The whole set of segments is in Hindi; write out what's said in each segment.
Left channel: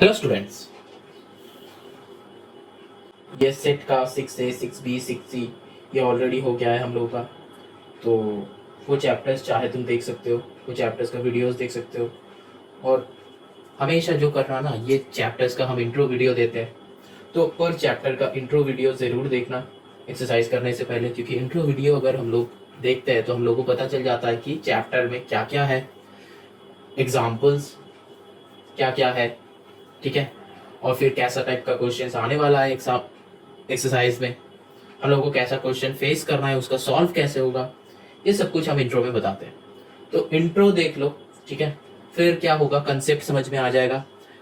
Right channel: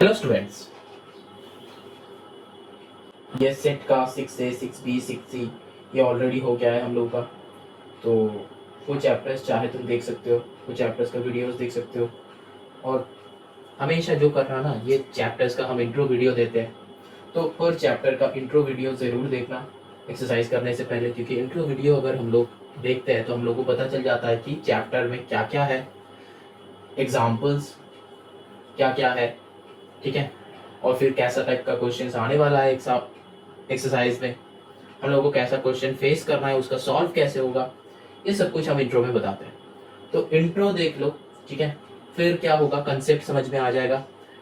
हेलो स्टूडेंट्स, ये सेट का 6A 6B 6C ये ऑलरेडी हो गया है हम लोग का। तो वो चैप्टर्स चाहे तुम देख सकते हो, वो चैप्टर्स का वीडियोस देख सकते हो। और हमेशा जो करना ना, ये चैप्टर्स का हम इंट्रो वीडियो देते हैं, तो पर चैप्टर का इंट्रो वीडियो ज़रूर देखना एक्सरसाइज करने से पहले, क्योंकि इंट्रो वीडियो अगर हम लोग देखते हैं तो हम लोग को पता चल जाता है कि चैप्टर में क्या क्या है, एग्जाम्पल्स क्या क्या है, ठीक है। और फिर कैसा टाइप का क्वेश्चन आने वाला है एक्सरसाइज में, हम लोगों को कैसा क्वेश्चन फेस करना है, उसका सॉल्व कैसे होगा, ये सब कुछ हम इंट्रो में बताते हैं। तो इंट्रो देख लो, ठीक है। फिर क्या होगा, कंसेप्ट समझ में आ जाएगा।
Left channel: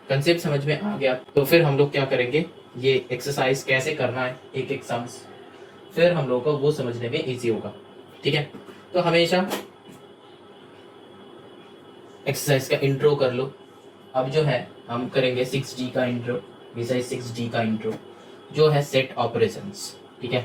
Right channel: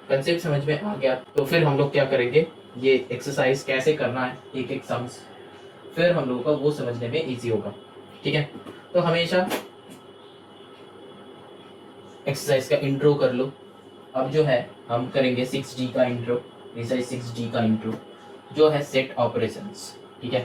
कंसेप्ट समझ में आ गया तो फिर हम लोग क्या करेंगे, ये एक्सरसाइज कैसे करना है, एक एक सम्स, फिर हम लोग को वो समझने में इजी होगा, ठीक है। तो हमेशा एक्सरसाइज का इंट्रो कर लो। अब जो है हम करेंगे 6D का इंट्रो, एक्सरसाइज 6D का इंट्रो जो है सेट ऑपरेशंस, ठीक है।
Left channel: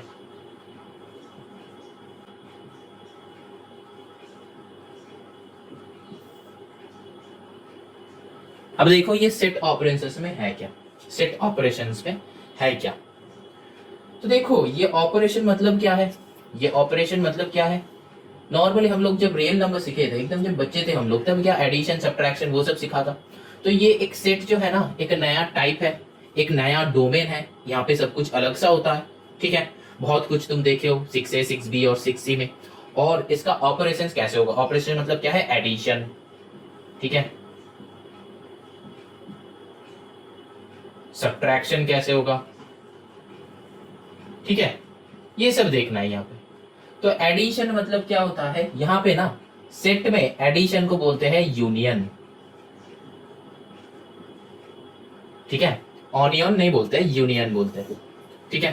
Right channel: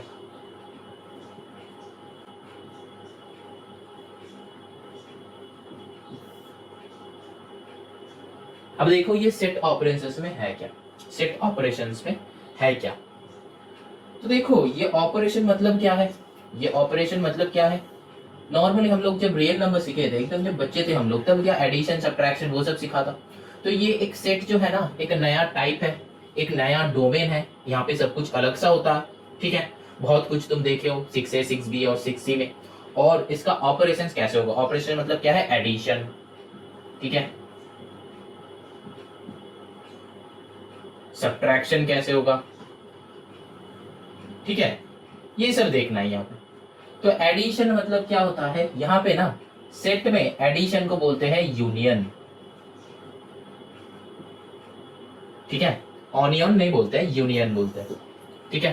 अब देखो ये सेट ऑपरेशंस में है क्या, सेट ऑपरेशंस में है क्या। तो देखो ये ऑपरेशन मतलब क्या है, ये ऑपरेशन मतलब क्या है। नॉर्मली हम लोग जब रियल नंबर सीखे थे, एकदम जब बच्चे थे हम लोग, तब क्या एडिशन सब्ट्रैक्शन वो सब सिखा था। तो ये एक सेट जो है ना, एक नया टाइप है, एक नया डोमेन है। यहाँ पे सब कुछ अलग सा होता है, ठीक है। बहुत कुछ तुम देखे हो 6A 6B और 6C में। और इसका ऑपरेशन कैसे होगा, ऑपरेशन मतलब क्या है, एडिशन, ठीक है। सब्ट्रैक्शन कैसे होगा, ठीक है। ये सब देखना है यहाँ पे। तो एडिशन मतलब क्या होता है, यहाँ पे ना सेट में एडिशन को बोलते हैं यूनियन, ठीक है। ऑनियन नहीं बोलते हैं, यूनियन बोलते हैं, ठीक है।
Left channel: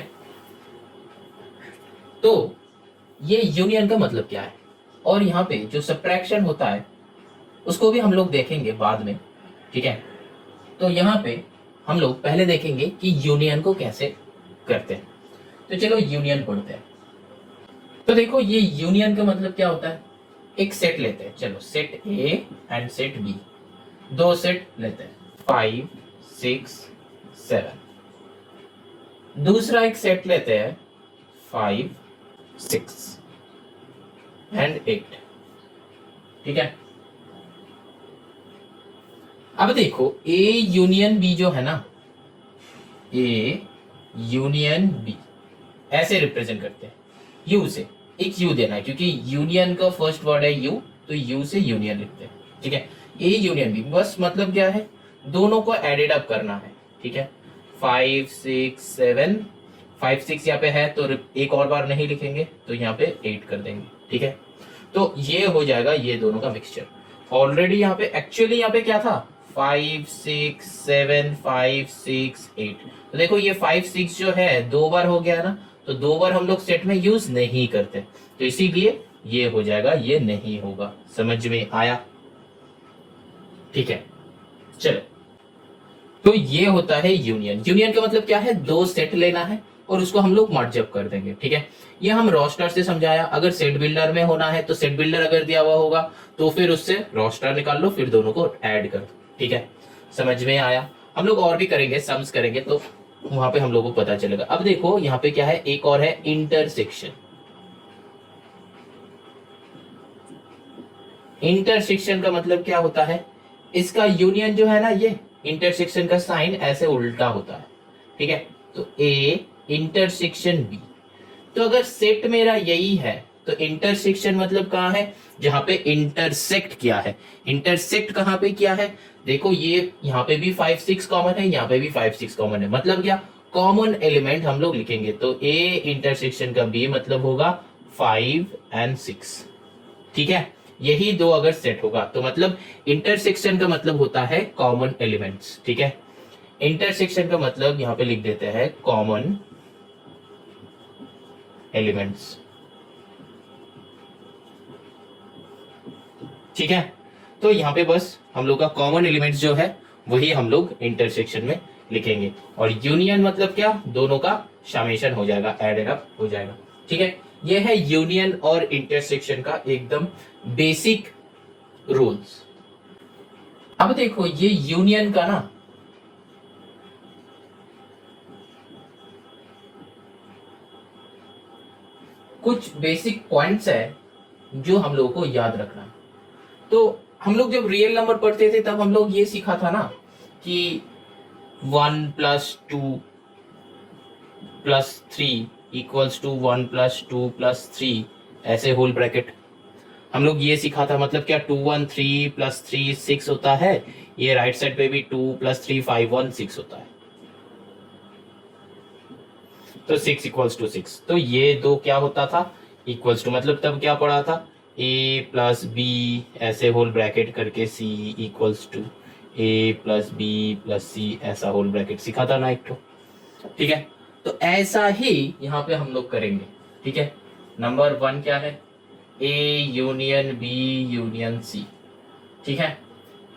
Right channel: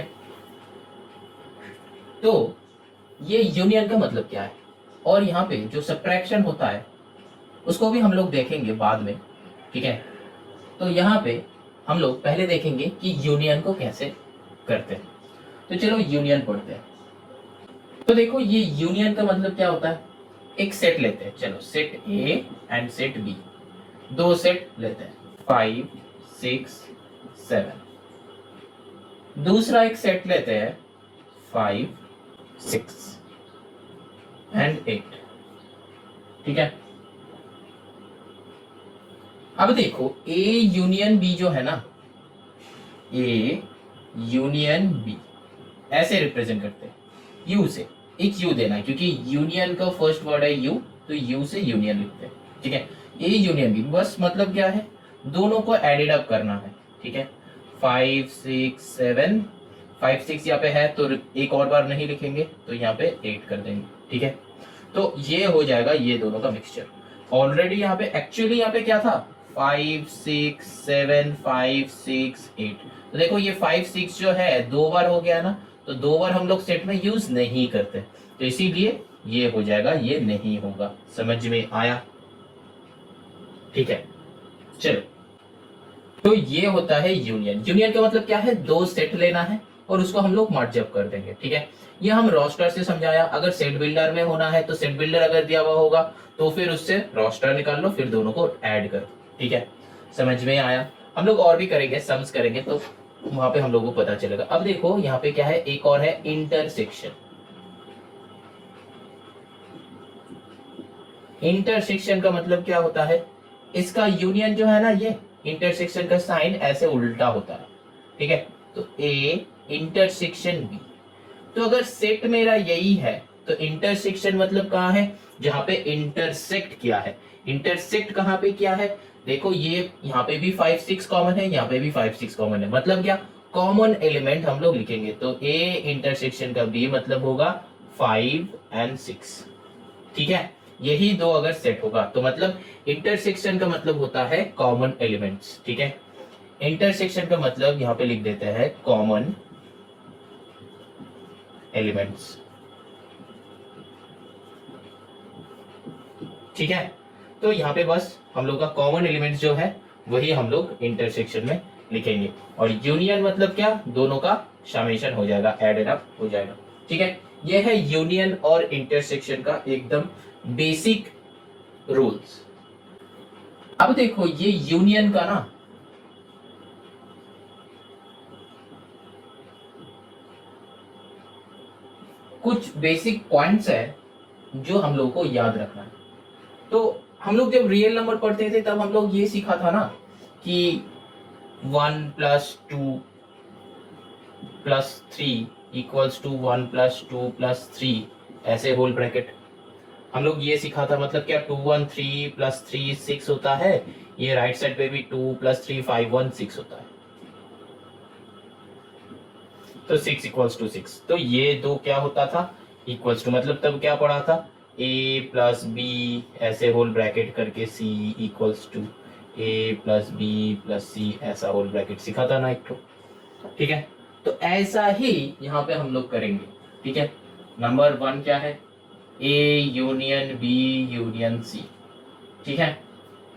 तो ये यूनियन का मतलब क्या है, और यहाँ पे जो सब्ट्रैक्शन होता है उसको भी हम लोग देखेंगे बाद में, ठीक है। तो यहाँ पे हम लोग पहले देखेंगे कि यूनियन को कैसे करते हैं। तो चलो यूनियन पढ़ते हैं। तो देखो ये यूनियन का मतलब क्या होता है, एक सेट लेते हैं, चलो set A and set B, दो सेट लेते हैं 5 6 7। दूसरा एक सेट लेते हैं 5 6 एंड 8, ठीक है। अब देखो ए यूनियन बी जो है ना, ए यूनियन बी ऐसे रिप्रेजेंट करते हैं, यू से एक यू देना है, क्योंकि यूनियन का फर्स्ट वर्ड है यू, तो यू से यूनियन लिखते हैं, ठीक है। ए यूनियन बी बस मतलब क्या है, दोनों को एडेड अप करना है, ठीक है। 5 6 7, 5 6 यहाँ पे है तो एक और बार नहीं लिखेंगे, तो यहाँ पे 8 कर देंगे, ठीक है। तो ये हो जाएगा ये दोनों का मिक्सचर। ऑलरेडी यहाँ पे एक्चुअली यहाँ पे क्या था, 5 6 7 5 6 8। तो देखो ये 5 6 जो है दो बार हो गया ना, तो दो बार हम लोग सेट में यूज नहीं करते, तो इसीलिए ये हो जाएगा, ये नहीं होगा। समझ में आया, ठीक है। चलो, तो ये होता है यूनियन। यूनियन का मतलब क्या है, दो सेट लेना है और उसको हम लोग मर्ज अप कर देंगे, ठीक है। ये हम रोस्टर से समझाया। अगर सेट बिल्डर में होना है तो सेट बिल्डर अगर दिया हुआ होगा तो फिर उससे रोस्टर निकाल लो, फिर दोनों को ऐड कर, ठीक है। समझ में आया। हम लोग और भी करेंगे, सम्स करेंगे, तो वहां पे हम लोगों को पता चलेगा। अब देखो यहाँ पे क्या है, एक और है इंटरसेक्शन। इंटरसेक्शन का मतलब क्या होता है, इसका यूनियन जो है ना, ये इंटरसेक्शन का साइन ऐसे उल्टा होता है, ठीक है। तो ए इंटरसेक्शन बी, तो अगर सेट मेरा यही है तो इंटरसेक्शन मतलब कहाँ है, जहां पे इंटरसेक्ट किया है। इंटरसेक्ट कहां पे किया है, देखो ये यहाँ पे भी 5 6 कॉमन है, यहाँ पे भी 5 6 कॉमन है, मतलब क्या, कॉमन एलिमेंट हम लोग लिखेंगे। तो ए इंटरसेक्शन का बी मतलब होगा 5 एंड 6, ठीक है। यही दो अगर सेट होगा तो मतलब इंटरसेक्शन का मतलब होता है कॉमन एलिमेंट्स, ठीक है। इंटरसेक्शन का मतलब यहां पे लिख देते हैं कॉमन एलिमेंट्स, ठीक है। तो यहाँ पे बस हम लोग का कॉमन एलिमेंट्स जो है वही हम लोग इंटरसेक्शन में लिखेंगे। और यूनियन मतलब क्या, दोनों का समेशन हो जाएगा, एडेड अप हो जाएगा, ठीक है। ये है यूनियन और इंटरसेक्शन का एकदम बेसिक रूल्स। अब देखो ये यूनियन का ना कुछ बेसिक पॉइंट्स है जो हम लोगों को याद रखना है। तो हम लोग जब रियल नंबर पढ़ते थे तब हम लोग ये सीखा था ना कि 1+2+3 = 1+2+3 ऐसे होल ब्रैकेट हम लोग ये सीखा था। मतलब क्या 2 1 3 + 3 6 होता है, ये राइट साइड पे भी 2 + 3 5 1 6 होता है, तो 6 = 6। तो ये दो क्या होता था इक्वल्स टू, मतलब तब क्या पढ़ा था a+b ऐसे होल ब्रैकेट करके c = a+b+c ऐसा होल ब्रैकेट सीखा था ना एक तो। ठीक है, तो ऐसा ही यहाँ पे हम लोग करेंगे। ठीक है, नंबर 1 क्या है, a union b union c, ठीक है,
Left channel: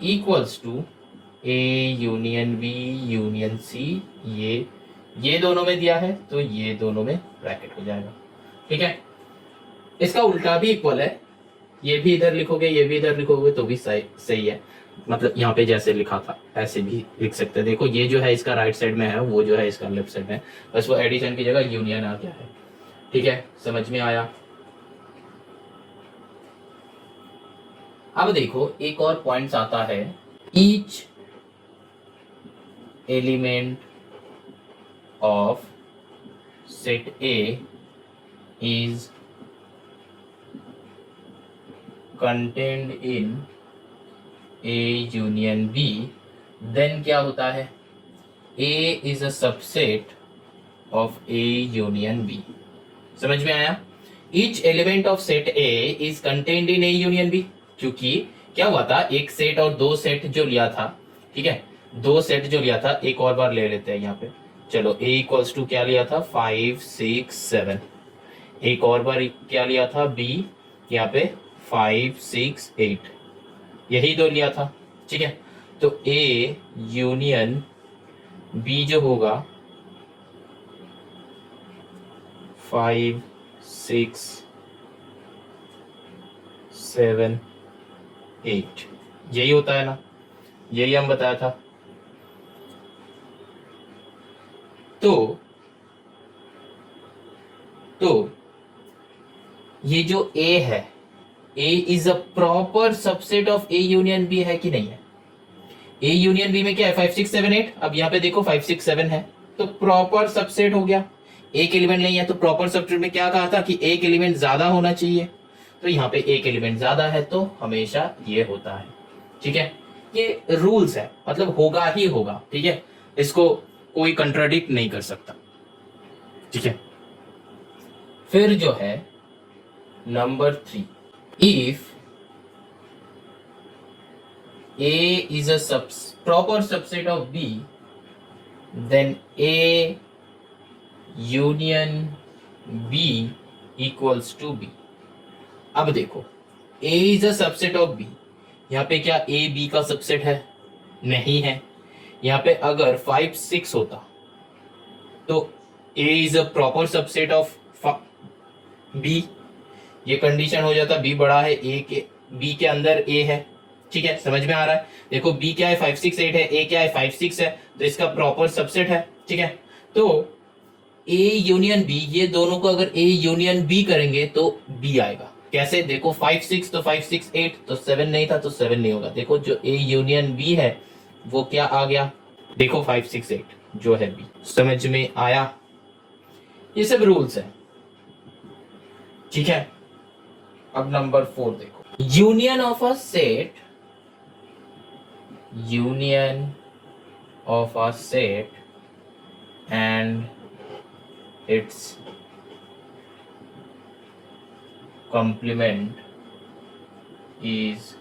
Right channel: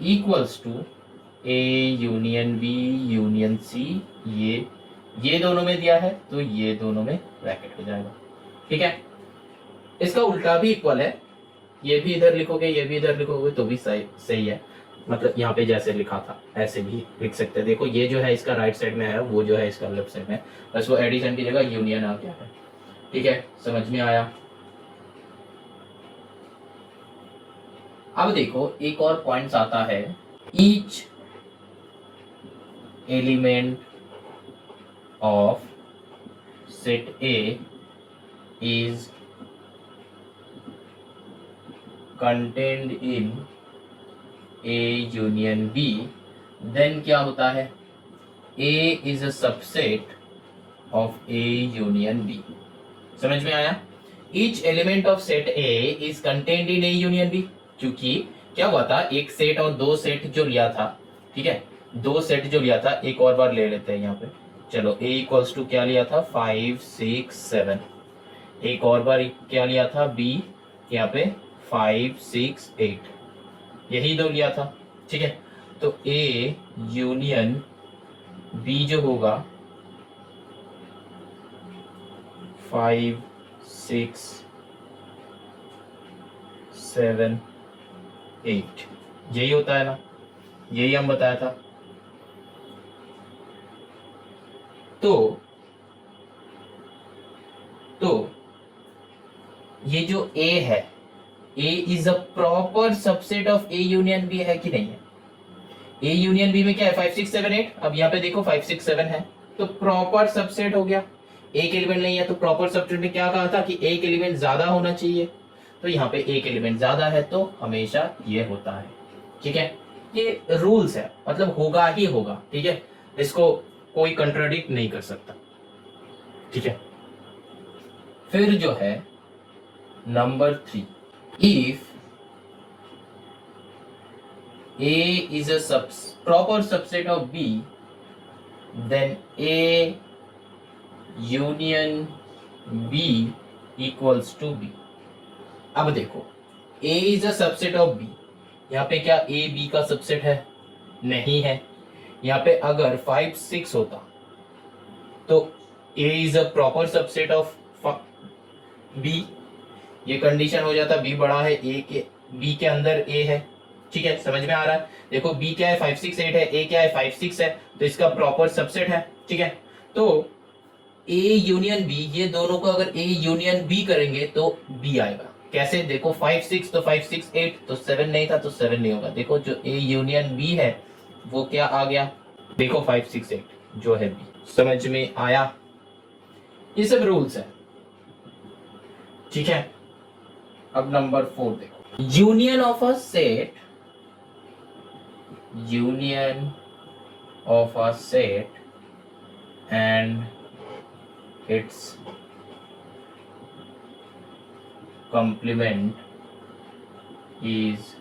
equals to a union b union c। ये दोनों में दिया है तो ये दोनों में ब्रैकेट हो जाएगा। ठीक है, इसका उल्टा भी इक्वल है, ये भी इधर लिखोगे ये भी इधर लिखोगे तो भी सही है। मतलब यहाँ पे जैसे लिखा था ऐसे भी लिख सकते हैं। देखो ये जो है इसका राइट साइड में है, वो जो है इसका लेफ्ट साइड में है, बस वो एडिशन की जगह यूनियन आ गया है। ठीक है, समझ में आया। अब देखो एक और पॉइंट्स आता है, each element of set A is contained in A union B, then क्या होता है A is a subset of A union B। समझ में आया। Each element of set A is contained in A union B, क्योंकि क्या हुआ था एक सेट और दो सेट जो लिया था, ठीक है, दो सेट जो लिया था एक और बार ले लेते हैं यहाँ पे। चलो A = क्या लिया था 5 6 7, एक और बार क्या लिया था B यहाँ पे 5 6 8, यही दो लिया था। ठीक है, तो A यूनियन B जो होगा 5 6 7 8, यही होता है ना, यही हम बताया था। तो ये जो A है, A is a proper subset of A union B है कि नहीं है। A यूनियन B में क्या है 5 6 7 8, अब यहाँ पे देखो 5 6 7 है तो प्रॉपर सबसेट हो गया। एक एलिमेंट नहीं है तो प्रॉपर सबसेट में क्या कहा था कि एक एलिमेंट ज्यादा होना चाहिए, तो यहाँ पे एक एलिमेंट ज्यादा है तो हमेशा ये होता है। ठीक है, ये रूल्स है, मतलब होगा ही होगा। ठीक है, इसको कोई कंट्राडिक्ट नहीं कर सकता। ठीक है, फिर जो है number 3, if A is a proper subset of B, then A union B equals to B। अब देखो A is a subset of B, यहाँ पे क्या A B का सबसेट है, नहीं है। यहाँ पे अगर 5 6 होता तो A is a proper subset of B, ये कंडीशन हो जाता B बड़ा है A के, B के अंदर A है। ठीक है, समझ में आ रहा है। देखो B क्या है 5 6 8 है, A क्या है 5 6 है, तो इसका प्रॉपर सबसेट है। ठीक है, तो A यूनियन B, ये दोनों को अगर A यूनियन B करेंगे तो B आएगा। कैसे, देखो 5 6 तो 5 6 8 तो 7 नहीं था तो 7 नहीं होगा। देखो जो A यूनियन B है वो क्या आ गया, देखो 5 6 8 जो है B। समझ में आया, ये सब रूल्स है। ठीक है, अब नंबर 4 देखो, union of a set, union of a set and its complement is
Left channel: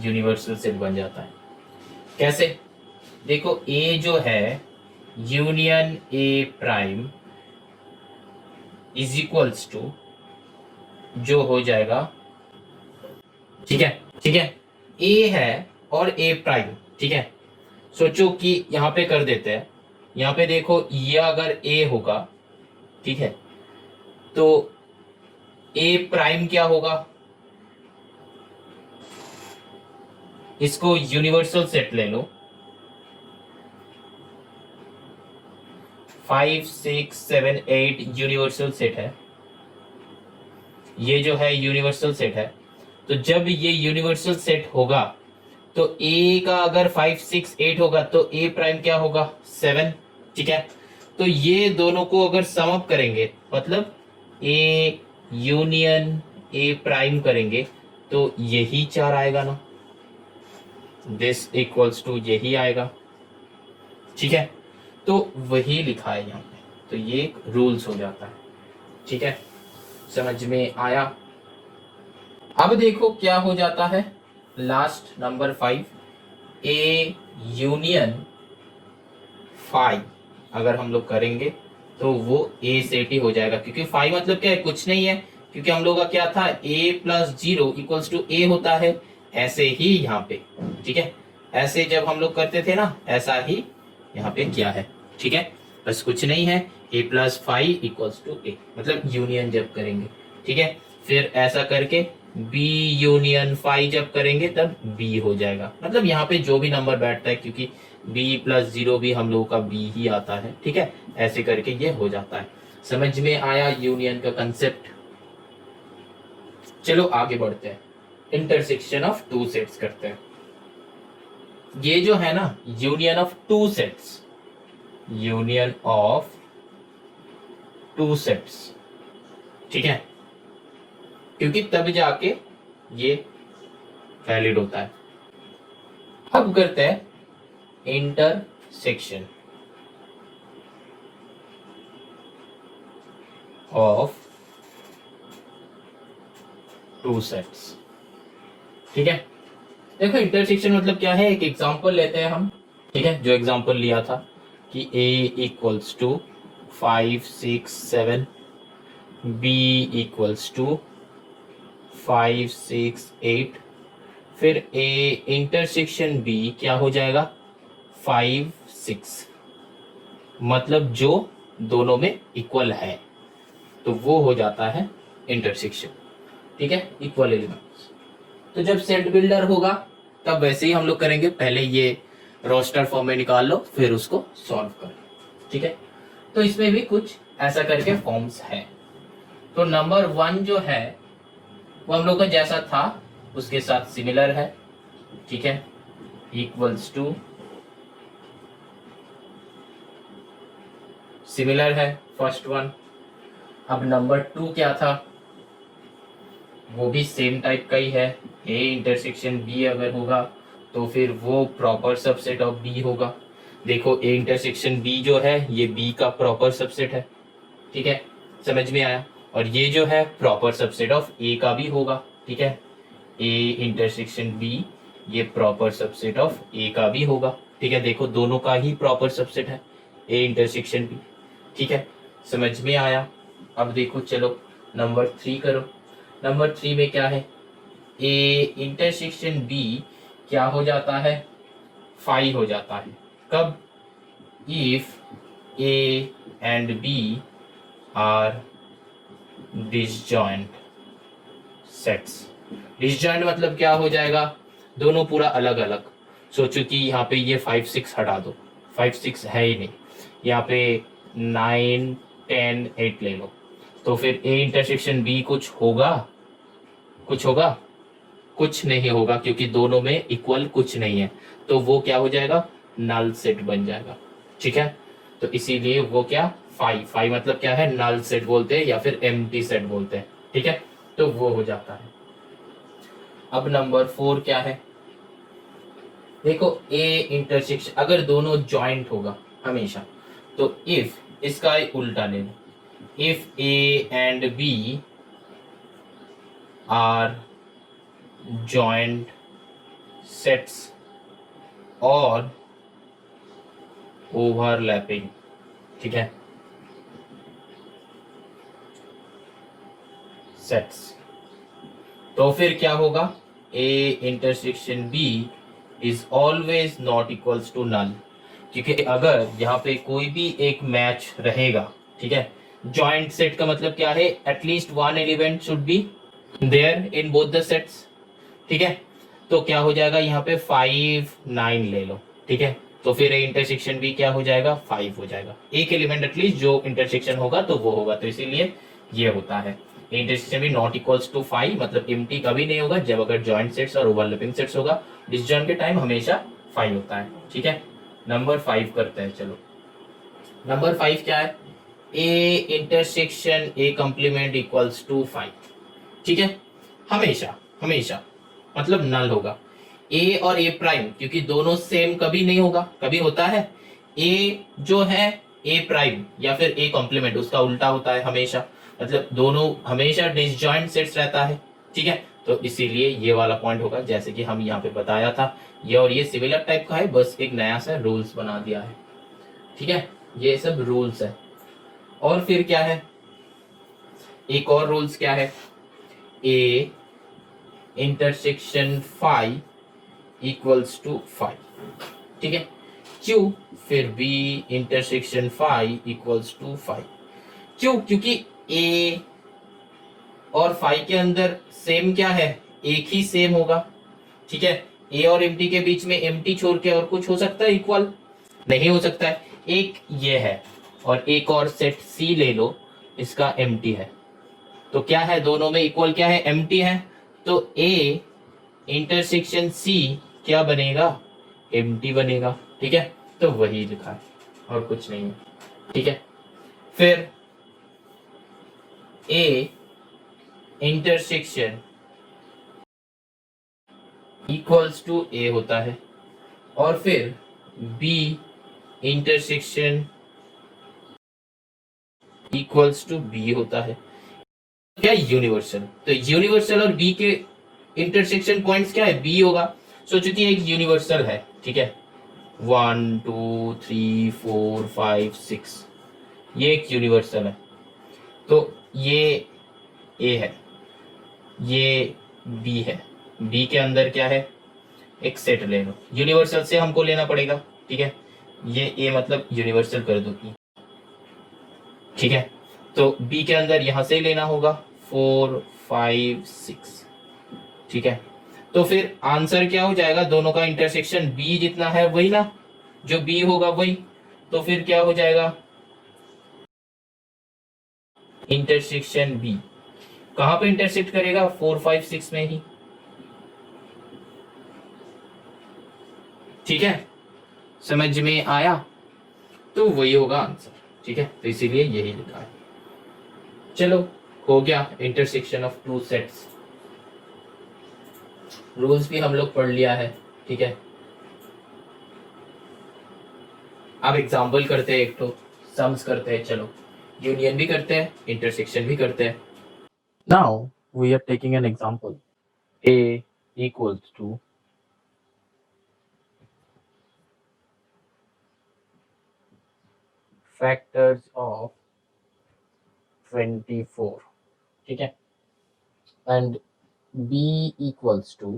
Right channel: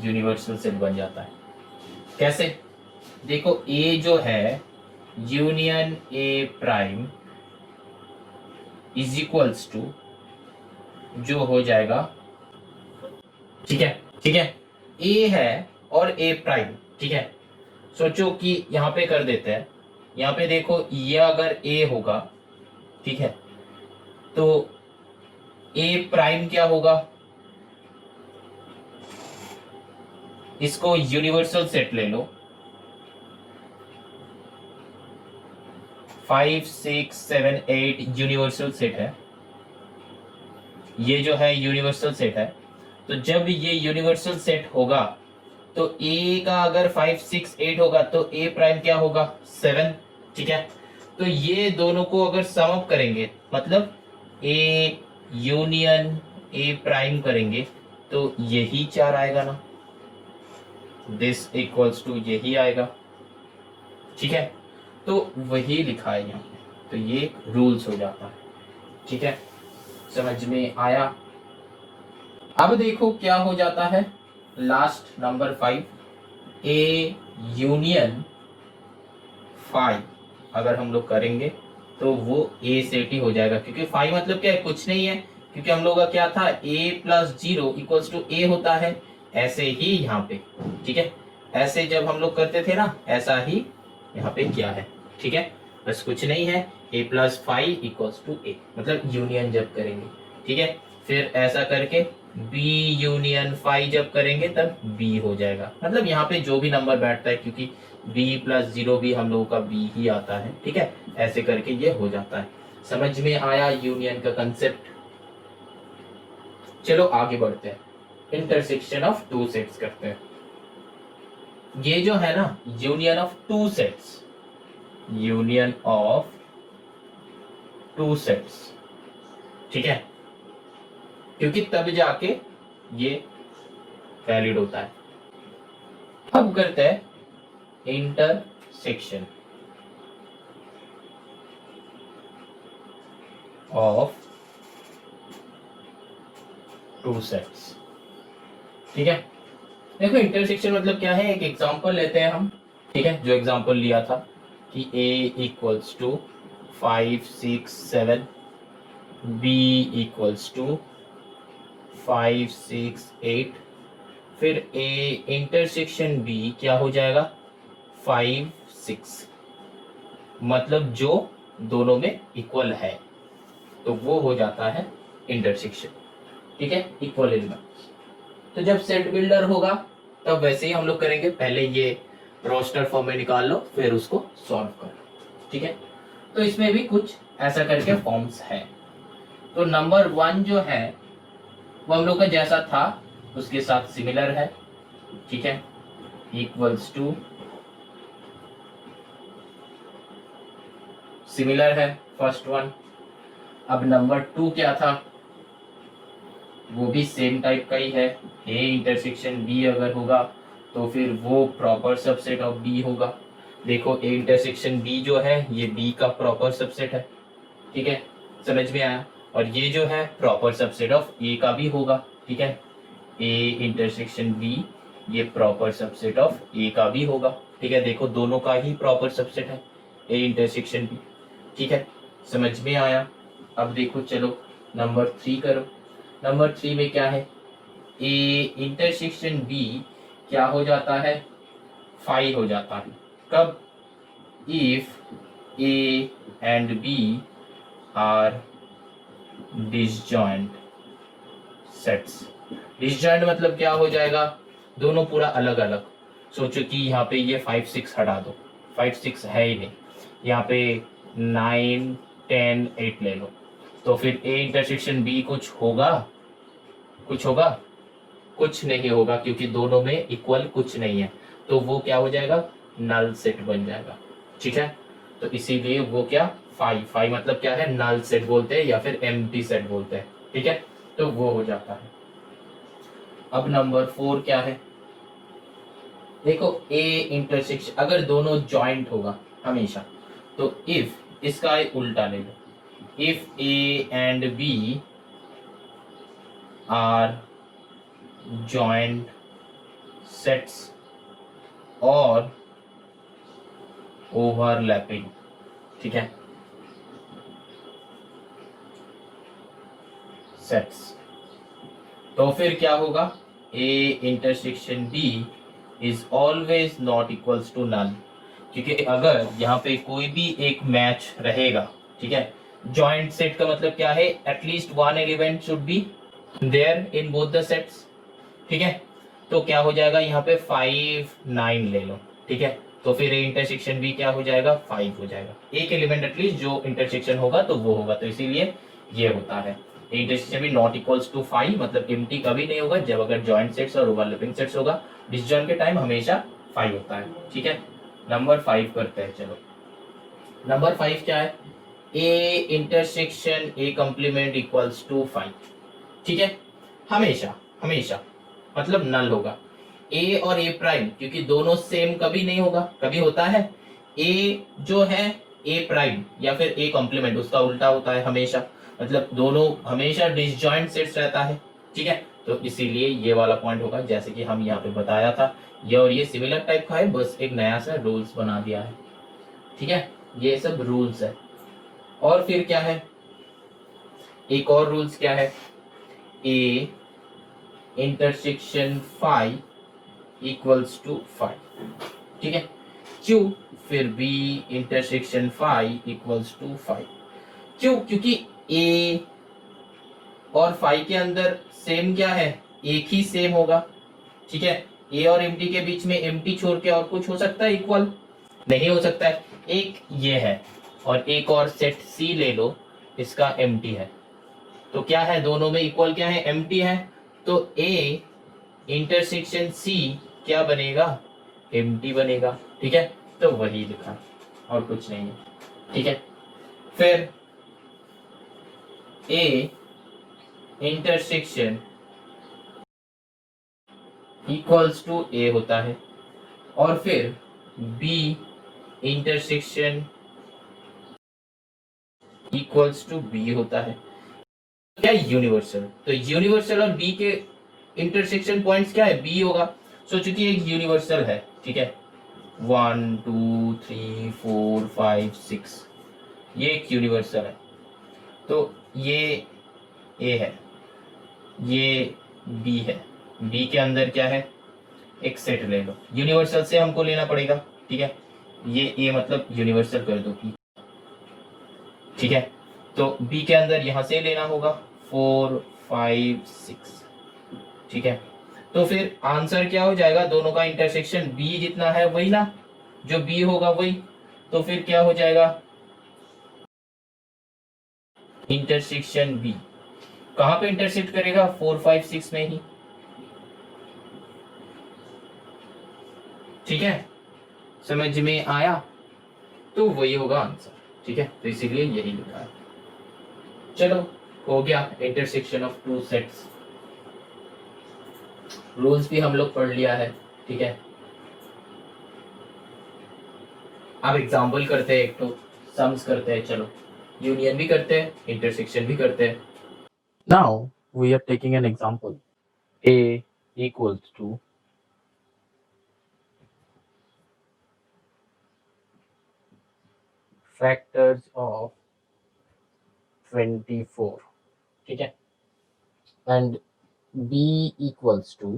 universal set बन जाता है। कैसे, देखो A जो है union A prime is equals to जो हो जाएगा, ठीक है, ठीक है, A है और A प्राइम। ठीक है, सोचो कि यहाँ पे कर देते हैं, यहाँ पे देखो ये अगर A होगा, ठीक है, तो A प्राइम क्या होगा, इसको यूनिवर्सल सेट ले लो, 5 6 7 8 यूनिवर्सल सेट है, ये जो है यूनिवर्सल सेट है। तो जब ये यूनिवर्सल सेट होगा तो ए का अगर 5 6 8 होगा तो ए प्राइम क्या होगा 7, ठीक है। तो ये दोनों को अगर सम अप करेंगे मतलब ए यूनियन ए प्राइम करेंगे तो यही 4 आएगा ना, दिस इक्वल्स टू यही आएगा, ठीक है। तो वही लिखा है यहाँ पे, तो ये रूल्स हो जाता है, ठीक है। समझ में आया। अब देखो क्या हो जाता है लास्ट नंबर 5, ए यूनियन 5 अगर हम लोग करेंगे तो वो ए सेट ही हो जाएगा, क्योंकि 5 मतलब क्या है, कुछ नहीं है, क्योंकि हम लोग का क्या था a plus 0 equals to A होता है, ऐसे ही यहाँ पे, ठीक है। ऐसे जब हम लोग करते थे ना, ऐसा ही यहाँ पे क्या है, ठीक है। बस कुछ नहीं है, a प्लस 5 इक्वल्स टू ए, मतलब यूनियन जब करेंगे, ठीक है। फिर ऐसा करके b यूनियन 5 जब करेंगे तब b हो जाएगा, मतलब यहाँ पे जो भी नंबर बैठता है, क्योंकि b प्लस 0 भी हम लोगों का b ही आता है, ठीक है। ऐसे करके ये हो जाता है। समझ में आया यूनियन का कंसेप्ट। चलो आगे बढ़ते हैं, इंटरसेक्शन ऑफ टू सेट्स करते हैं। ये जो है ना union of two sets, union of two sets, ठीक है, क्योंकि तब जाके ये वैलिड होता है। अब करते हैं इंटरसेक्शन ऑफ टू सेट्स, ठीक है। देखो इंटरसेक्शन मतलब क्या है, एक एग्जांपल लेते हैं हम, ठीक है। जो एग्जांपल लिया था कि a equals to 5 6 7, b equals to 5 6 8, फिर a इंटरसेक्शन b क्या हो जाएगा 5 6, मतलब जो दोनों में इक्वल है, तो वो हो जाता है इंटरसेक्शन, ठीक है, इक्वल एलिमेंट्स। तो जब सेट बिल्डर होगा तब वैसे ही हम लोग करेंगे, पहले ये रोस्टर फॉर्म में निकाल लो फिर उसको सॉल्व करो, ठीक है। तो इसमें भी कुछ ऐसा करके फॉर्म्स है। तो नंबर 1 जो है वो हम लोग का जैसा था उसके साथ सिमिलर है, ठीक है, इक्वल्स टू सिमिलर है फर्स्ट वन। अब नंबर 2 क्या था, वो भी सेम टाइप का ही है, ए इंटरसेक्शन बी अगर होगा तो फिर वो प्रॉपर सबसेट ऑफ बी होगा। देखो ए इंटरसेक्शन बी जो है ये बी का प्रॉपर सबसेट है, ठीक है, समझ में आया। और ये जो है प्रॉपर सबसेट ऑफ ए का भी होगा, ठीक है, ए इंटरसेक्शन बी ये प्रॉपर सबसेट ऑफ ए का भी होगा, ठीक है। देखो दोनों का ही प्रॉपर सबसेट है ए इंटरसेक्शन बी, ठीक है, समझ में आया। अब देखो चलो नंबर 3 करो। नंबर 3 में क्या है, ए इंटरसेक्शन बी क्या हो जाता है 5 हो जाता है, कब, if A and B are disjoint sets. Disjoint मतलब क्या हो जाएगा, दोनों पूरा अलग अलग। सोचो कि यहाँ पे ये 5 6 हटा दो, 5 6 है ही नहीं, यहाँ पे 9 10 8 ले लो, तो फिर ए इंटरसेक्शन बी कुछ होगा, कुछ होगा, कुछ नहीं होगा, क्योंकि दोनों में इक्वल कुछ नहीं है, तो वो क्या हो जाएगा नल सेट बन जाएगा, ठीक है। तो इसीलिए वो क्या 5 मतलब क्या है नल सेट बोलते हैं या फिर एम्प्टी सेट बोलते हैं, ठीक है, तो वो हो जाता है। अब नंबर 4 क्या है, देखो ए इंटरसेक्शन अगर दोनों जॉइंट होगा हमेशा, तो इफ इसका उल्टा ले लो, if A and B are joint sets or overlapping, ठीक है, सेट्स, तो फिर क्या होगा A intersection B is always not equals to null, क्योंकि अगर यहाँ पे कोई भी एक मैच रहेगा, ठीक है, जॉइंट सेट का मतलब क्या है, at least one element should be there in both the sets, ठीक है। तो क्या हो जाएगा यहाँ पे 5 9 ले लो, ठीक है, तो फिर इंटरसेक्शन भी क्या हो जाएगा, 5 हो जाएगा। एक एलिमेंट एटलीस्ट जो इंटरसेक्शन होगा तो वो होगा, तो इसीलिए ये होता है इंटरसेक्शन भी नॉट इक्वल्स टू 5, मतलब एम्प्टी कभी नहीं होगा जब अगर जॉइंट सेट्स और ओवरलैपिंग सेट्स होगा। डिसजॉइन के टाइम हमेशा 5 होता है। ठीक है, नंबर 5 करते हैं। चलो नंबर 5 क्या है, A intersection A complement equals to 5। ठीक है, हमेशा हमेशा मतलब नल होगा ए और ए प्राइम, क्योंकि दोनों सेम कभी नहीं होगा, कभी होता है ए जो है ए प्राइम या फिर ए कॉम्प्लीमेंट उसका उल्टा होता है हमेशा, मतलब दोनों हमेशा डिसजॉइंट सेट्स रहता है। ठीक है, तो इसीलिए ये वाला पॉइंट होगा, जैसे कि हम यहाँ पे बताया था। ये और ये सिमिलर टाइप का है, बस एक नया सा रूल्स बना दिया है। ठीक है, ये सब रूल्स है। और फिर क्या है, एक और रूल्स क्या है, ए इंटरसेक्शन 5 इक्वल्स टू 5। ठीक है, क्यों, फिर बी इंटरसेक्शन 5 इक्वल्स टू 5। क्यों, क्योंकि ए और 5 के अंदर सेम क्या है, एक ही सेम होगा। ठीक है, ए और एम्प्टी के बीच में एम्प्टी छोड़ के और कुछ हो सकता है इक्वल, नहीं हो सकता है। एक ये है और एक और सेट सी ले लो, इसका एम्प्टी है, तो क्या है दोनों में इक्वल, क्या है, एम्प्टी है। तो ए इंटरसेक्शन सी क्या बनेगा, एम्प्टी बनेगा। ठीक है, तो वही लिखा है और कुछ नहीं है। ठीक है, फिर A intersection equals to A होता है और फिर B intersection equals to B होता है। क्या, यूनिवर्सल, तो यूनिवर्सल और बी के इंटरसेक्शन पॉइंट्स क्या है, बी होगा। सो चूंकि एक यूनिवर्सल है, ठीक है, 1 2 3 4 5 6, ये एक यूनिवर्सल है, तो ये ए है, ये बी है, बी के अंदर क्या है, एक सेट ले लो, यूनिवर्सल से हमको लेना पड़ेगा। ठीक है, ये ए मतलब यूनिवर्सल कर दो E। ठीक है, तो बी के अंदर यहां से लेना होगा 4 5 6। ठीक है, तो फिर आंसर क्या हो जाएगा, दोनों का इंटरसेक्शन बी जितना है वही ना, जो बी होगा वही, तो फिर क्या हो जाएगा, इंटरसेक्शन बी कहां पे इंटरसेक्ट करेगा, 4 5 6 में ही। ठीक है, समझ में आया, तो वही होगा आंसर। ठीक है, तो इसीलिए यही लिखा है। चलो, हो गया intersection of two sets. Rules भी हम लोग पढ़ लिया है। ठीक है, अब एग्जाम्पल करते हैं, एक तो सम्स करते हैं। चलो, यूनियन भी करते हैं, इंटरसेक्शन भी करते हैं। Now we are taking an example, A equals to factors of 24। ठीक है, and B equals to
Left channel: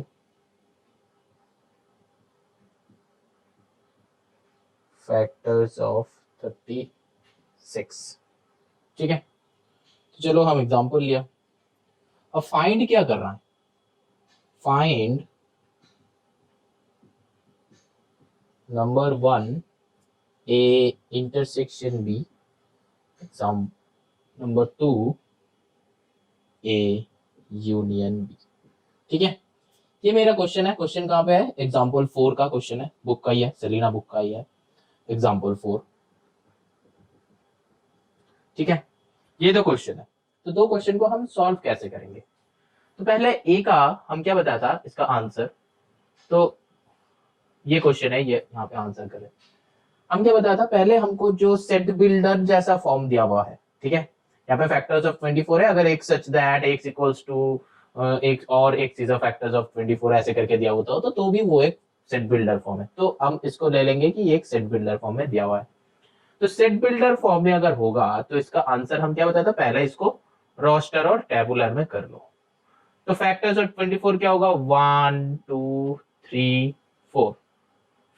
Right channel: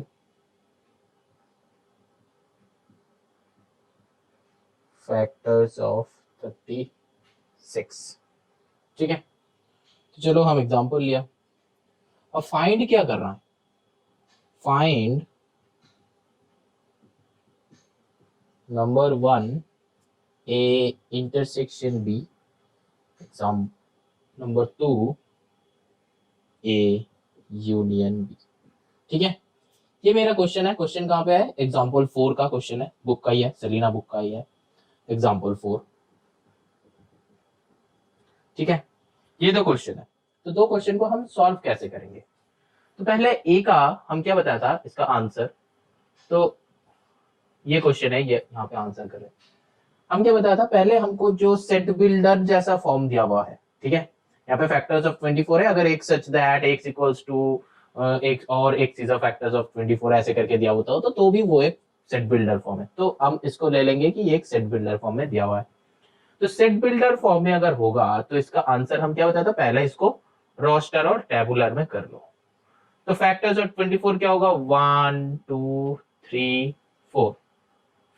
factors of 36। ठीक है, तो चलो हम एग्जांपल लिया। अब फाइंड क्या कर रहा है, find number 1 A intersection B, exam number 2 A union B. ठीक है, ये मेरा क्वेश्चन है। क्वेश्चन कहाँ पे है, एग्जाम्पल 4 का क्वेश्चन है, बुक का ही है, सेलिना बुक का ही है, एग्जाम्पल 4। ठीक है, ये दो क्वेश्चन है, तो दो क्वेश्चन को हम सॉल्व कैसे करेंगे। तो पहले ए का हम क्या बताया था, इसका आंसर, तो ये क्वेश्चन है, ये यहाँ पे आंसर करें। हम क्या बताया था, पहले हमको जो सेट बिल्डर जैसा फॉर्म दिया हुआ है, ठीक है, यहाँ पे फैक्टर्स ऑफ 24 है, अगर एक such that x equals to एक और x is a factors of 24 ऐसे करके दिया होता हो तो भी वो एक सेट बिल्डर फॉर्म है, तो हम इसको ले लेंगे कि ये एक सेट बिल्डर फॉर्म में दिया हुआ है। तो सेट बिल्डर फॉर्म में अगर होगा तो इसका आंसर हम क्या बताया था, पहले इसको रोस्टर और टेबुलर में कर लो। तो फैक्टर्स ऑफ 24 क्या होगा, 1 2 3 4,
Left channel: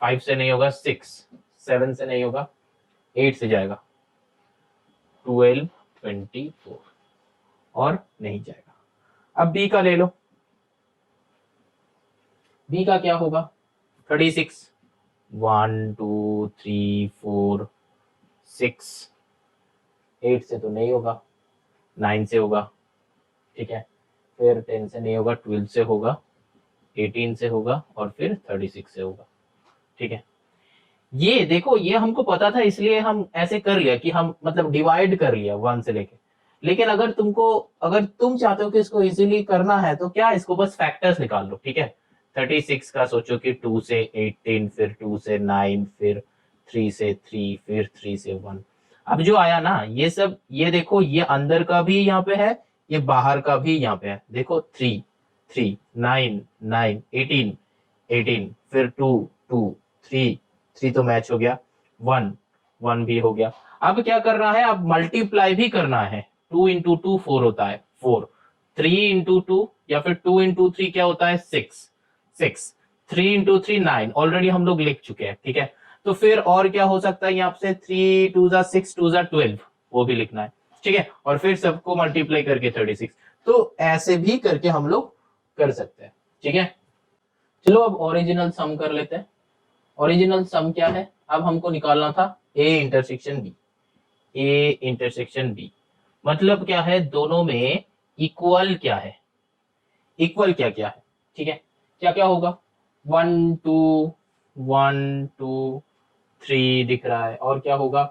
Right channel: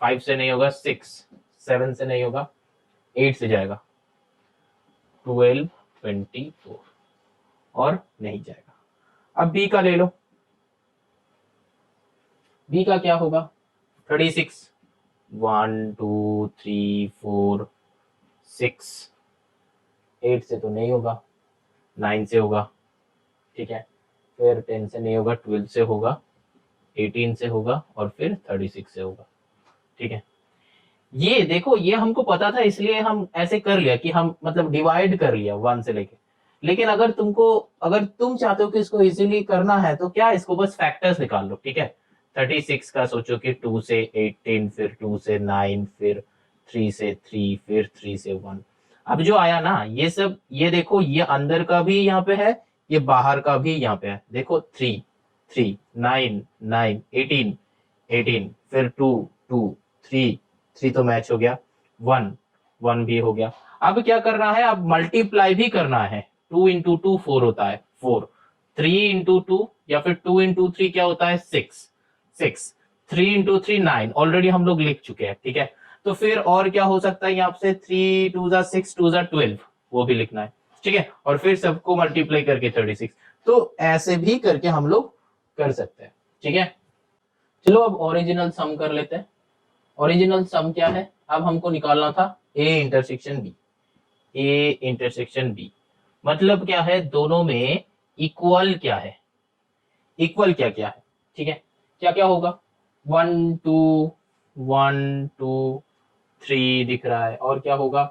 5 से नहीं होगा 6, 7 से नहीं होगा 8 से जाएगा 12 24 और नहीं जाएगा। अब बी का ले लो, बी का क्या होगा 36, 1 2 3 4 6, 8 से तो नहीं होगा, 9 से होगा, ठीक है, फिर 10 से नहीं होगा, 12 से होगा, 18 से होगा और फिर 36 से होगा, ठीक है। ये देखो, ये हमको पता था इसलिए हम ऐसे कर लिया कि हम मतलब डिवाइड कर लिया 1 से लेके। लेकिन अगर तुम चाहते हो कि इसको इजीली करना है तो क्या, इसको बस फैक्टर्स निकाल लो, ठीक है। 36 का सोचो कि 2 से 18, फिर 2 से 9, फिर 3 से 3, फिर 3 से 1। अब जो आया ना ये सब, ये देखो, ये अंदर का भी यहाँ पे है, ये बाहर का भी यहाँ पे है। देखो 3 3 9 9 18 18, फिर 2 2 3 3 तो मैच हो गया, 1 1 भी हो गया। अब क्या करना है, अब मल्टीप्लाई भी करना है। 2 इंटू 2 4 होता है, 4। 3 इंटू 2 या फिर 2 इंटू 3 क्या होता है, 6 6। 3 इंटू 3 9, ऑलरेडी हम लोग लिख चुके हैं, ठीक है। तो फिर और क्या हो सकता है यहाँ से, 3 2 6 2 12, वो भी लिखना है, ठीक है। और फिर सबको मल्टीप्लाई करके 36। तो ऐसे भी करके हम लोग कर सकते हैं, ठीक है। चलो अब ओरिजिनल सम कर लेते हैं। ओरिजिनल सम क्या है, अब हमको निकालना था A intersection B. A intersection B मतलब क्या है, दोनों में इक्वल क्या है, इक्वल क्या क्या है, ठीक है। क्या क्या होगा, 1 2 1 2 3 दिख रहा है, और क्या होगा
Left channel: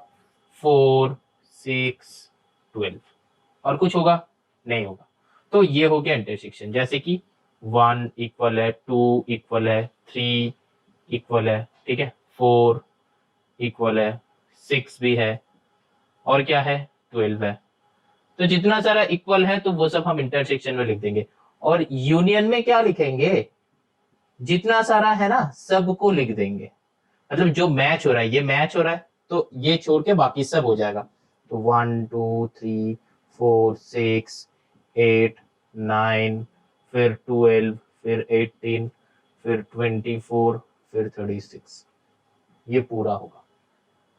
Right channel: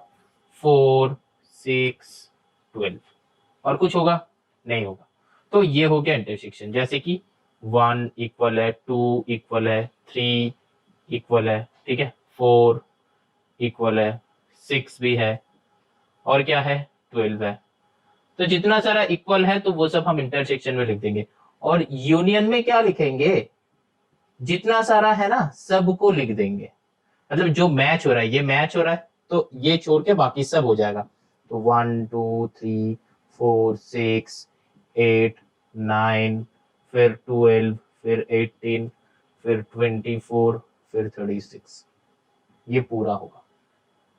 4 6 12, और कुछ होगा, नहीं होगा। तो ये हो गया इंटरसेक्शन, जैसे कि 1 इक्वल है, 2 इक्वल है, 3 इक्वल है, ठीक है, 4 इक्वल है, 6 भी है, और क्या है 12 है। तो जितना सारा इक्वल है तो वो सब हम इंटरसेक्शन में लिख देंगे। और यूनियन में क्या लिखेंगे, जितना सारा है ना सबको लिख देंगे। मतलब जो मैच हो रहा है, ये मैच हो रहा है तो ये छोड़ के बाकी सब हो जाएगा। तो 1 2 3 4 6 8 9, फिर 12, फिर 18, फिर 24, फिर 36, ये पूरा होगा,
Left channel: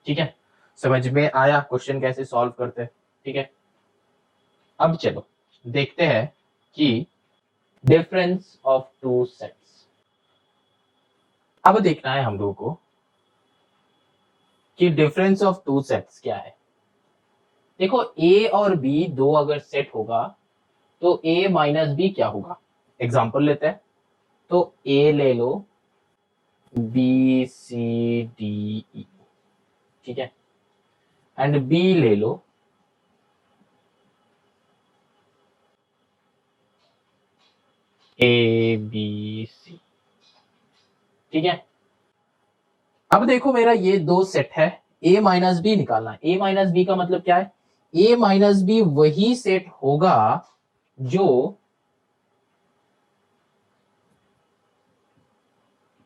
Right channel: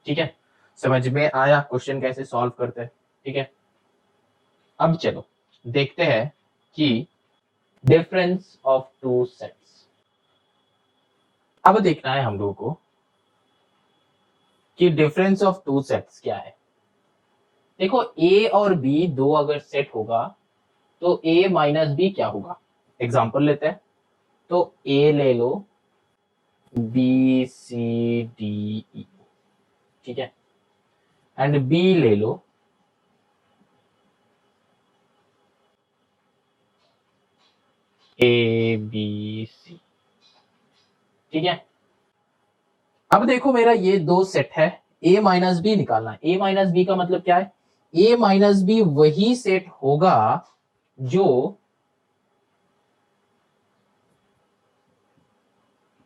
ठीक है। समझ में आया क्वेश्चन कैसे सॉल्व करते हैं, ठीक है। अब चलो देखते हैं कि डिफरेंस ऑफ टू सेट्स। अब देखना है हम लोगों को कि डिफरेंस ऑफ टू सेट्स क्या है। देखो ए और बी दो अगर सेट होगा तो ए माइनस बी क्या होगा। एग्जांपल लेते हैं, तो ए ले लो, बी सी डी ई, ठीक है, एंड बी ले लो, ए बी सी, ठीक है। अब देखो मेरा ये दो सेट है, ए माइनस बी निकालना है। ए माइनस बी का मतलब क्या है, ए माइनस बी वही सेट होगा जो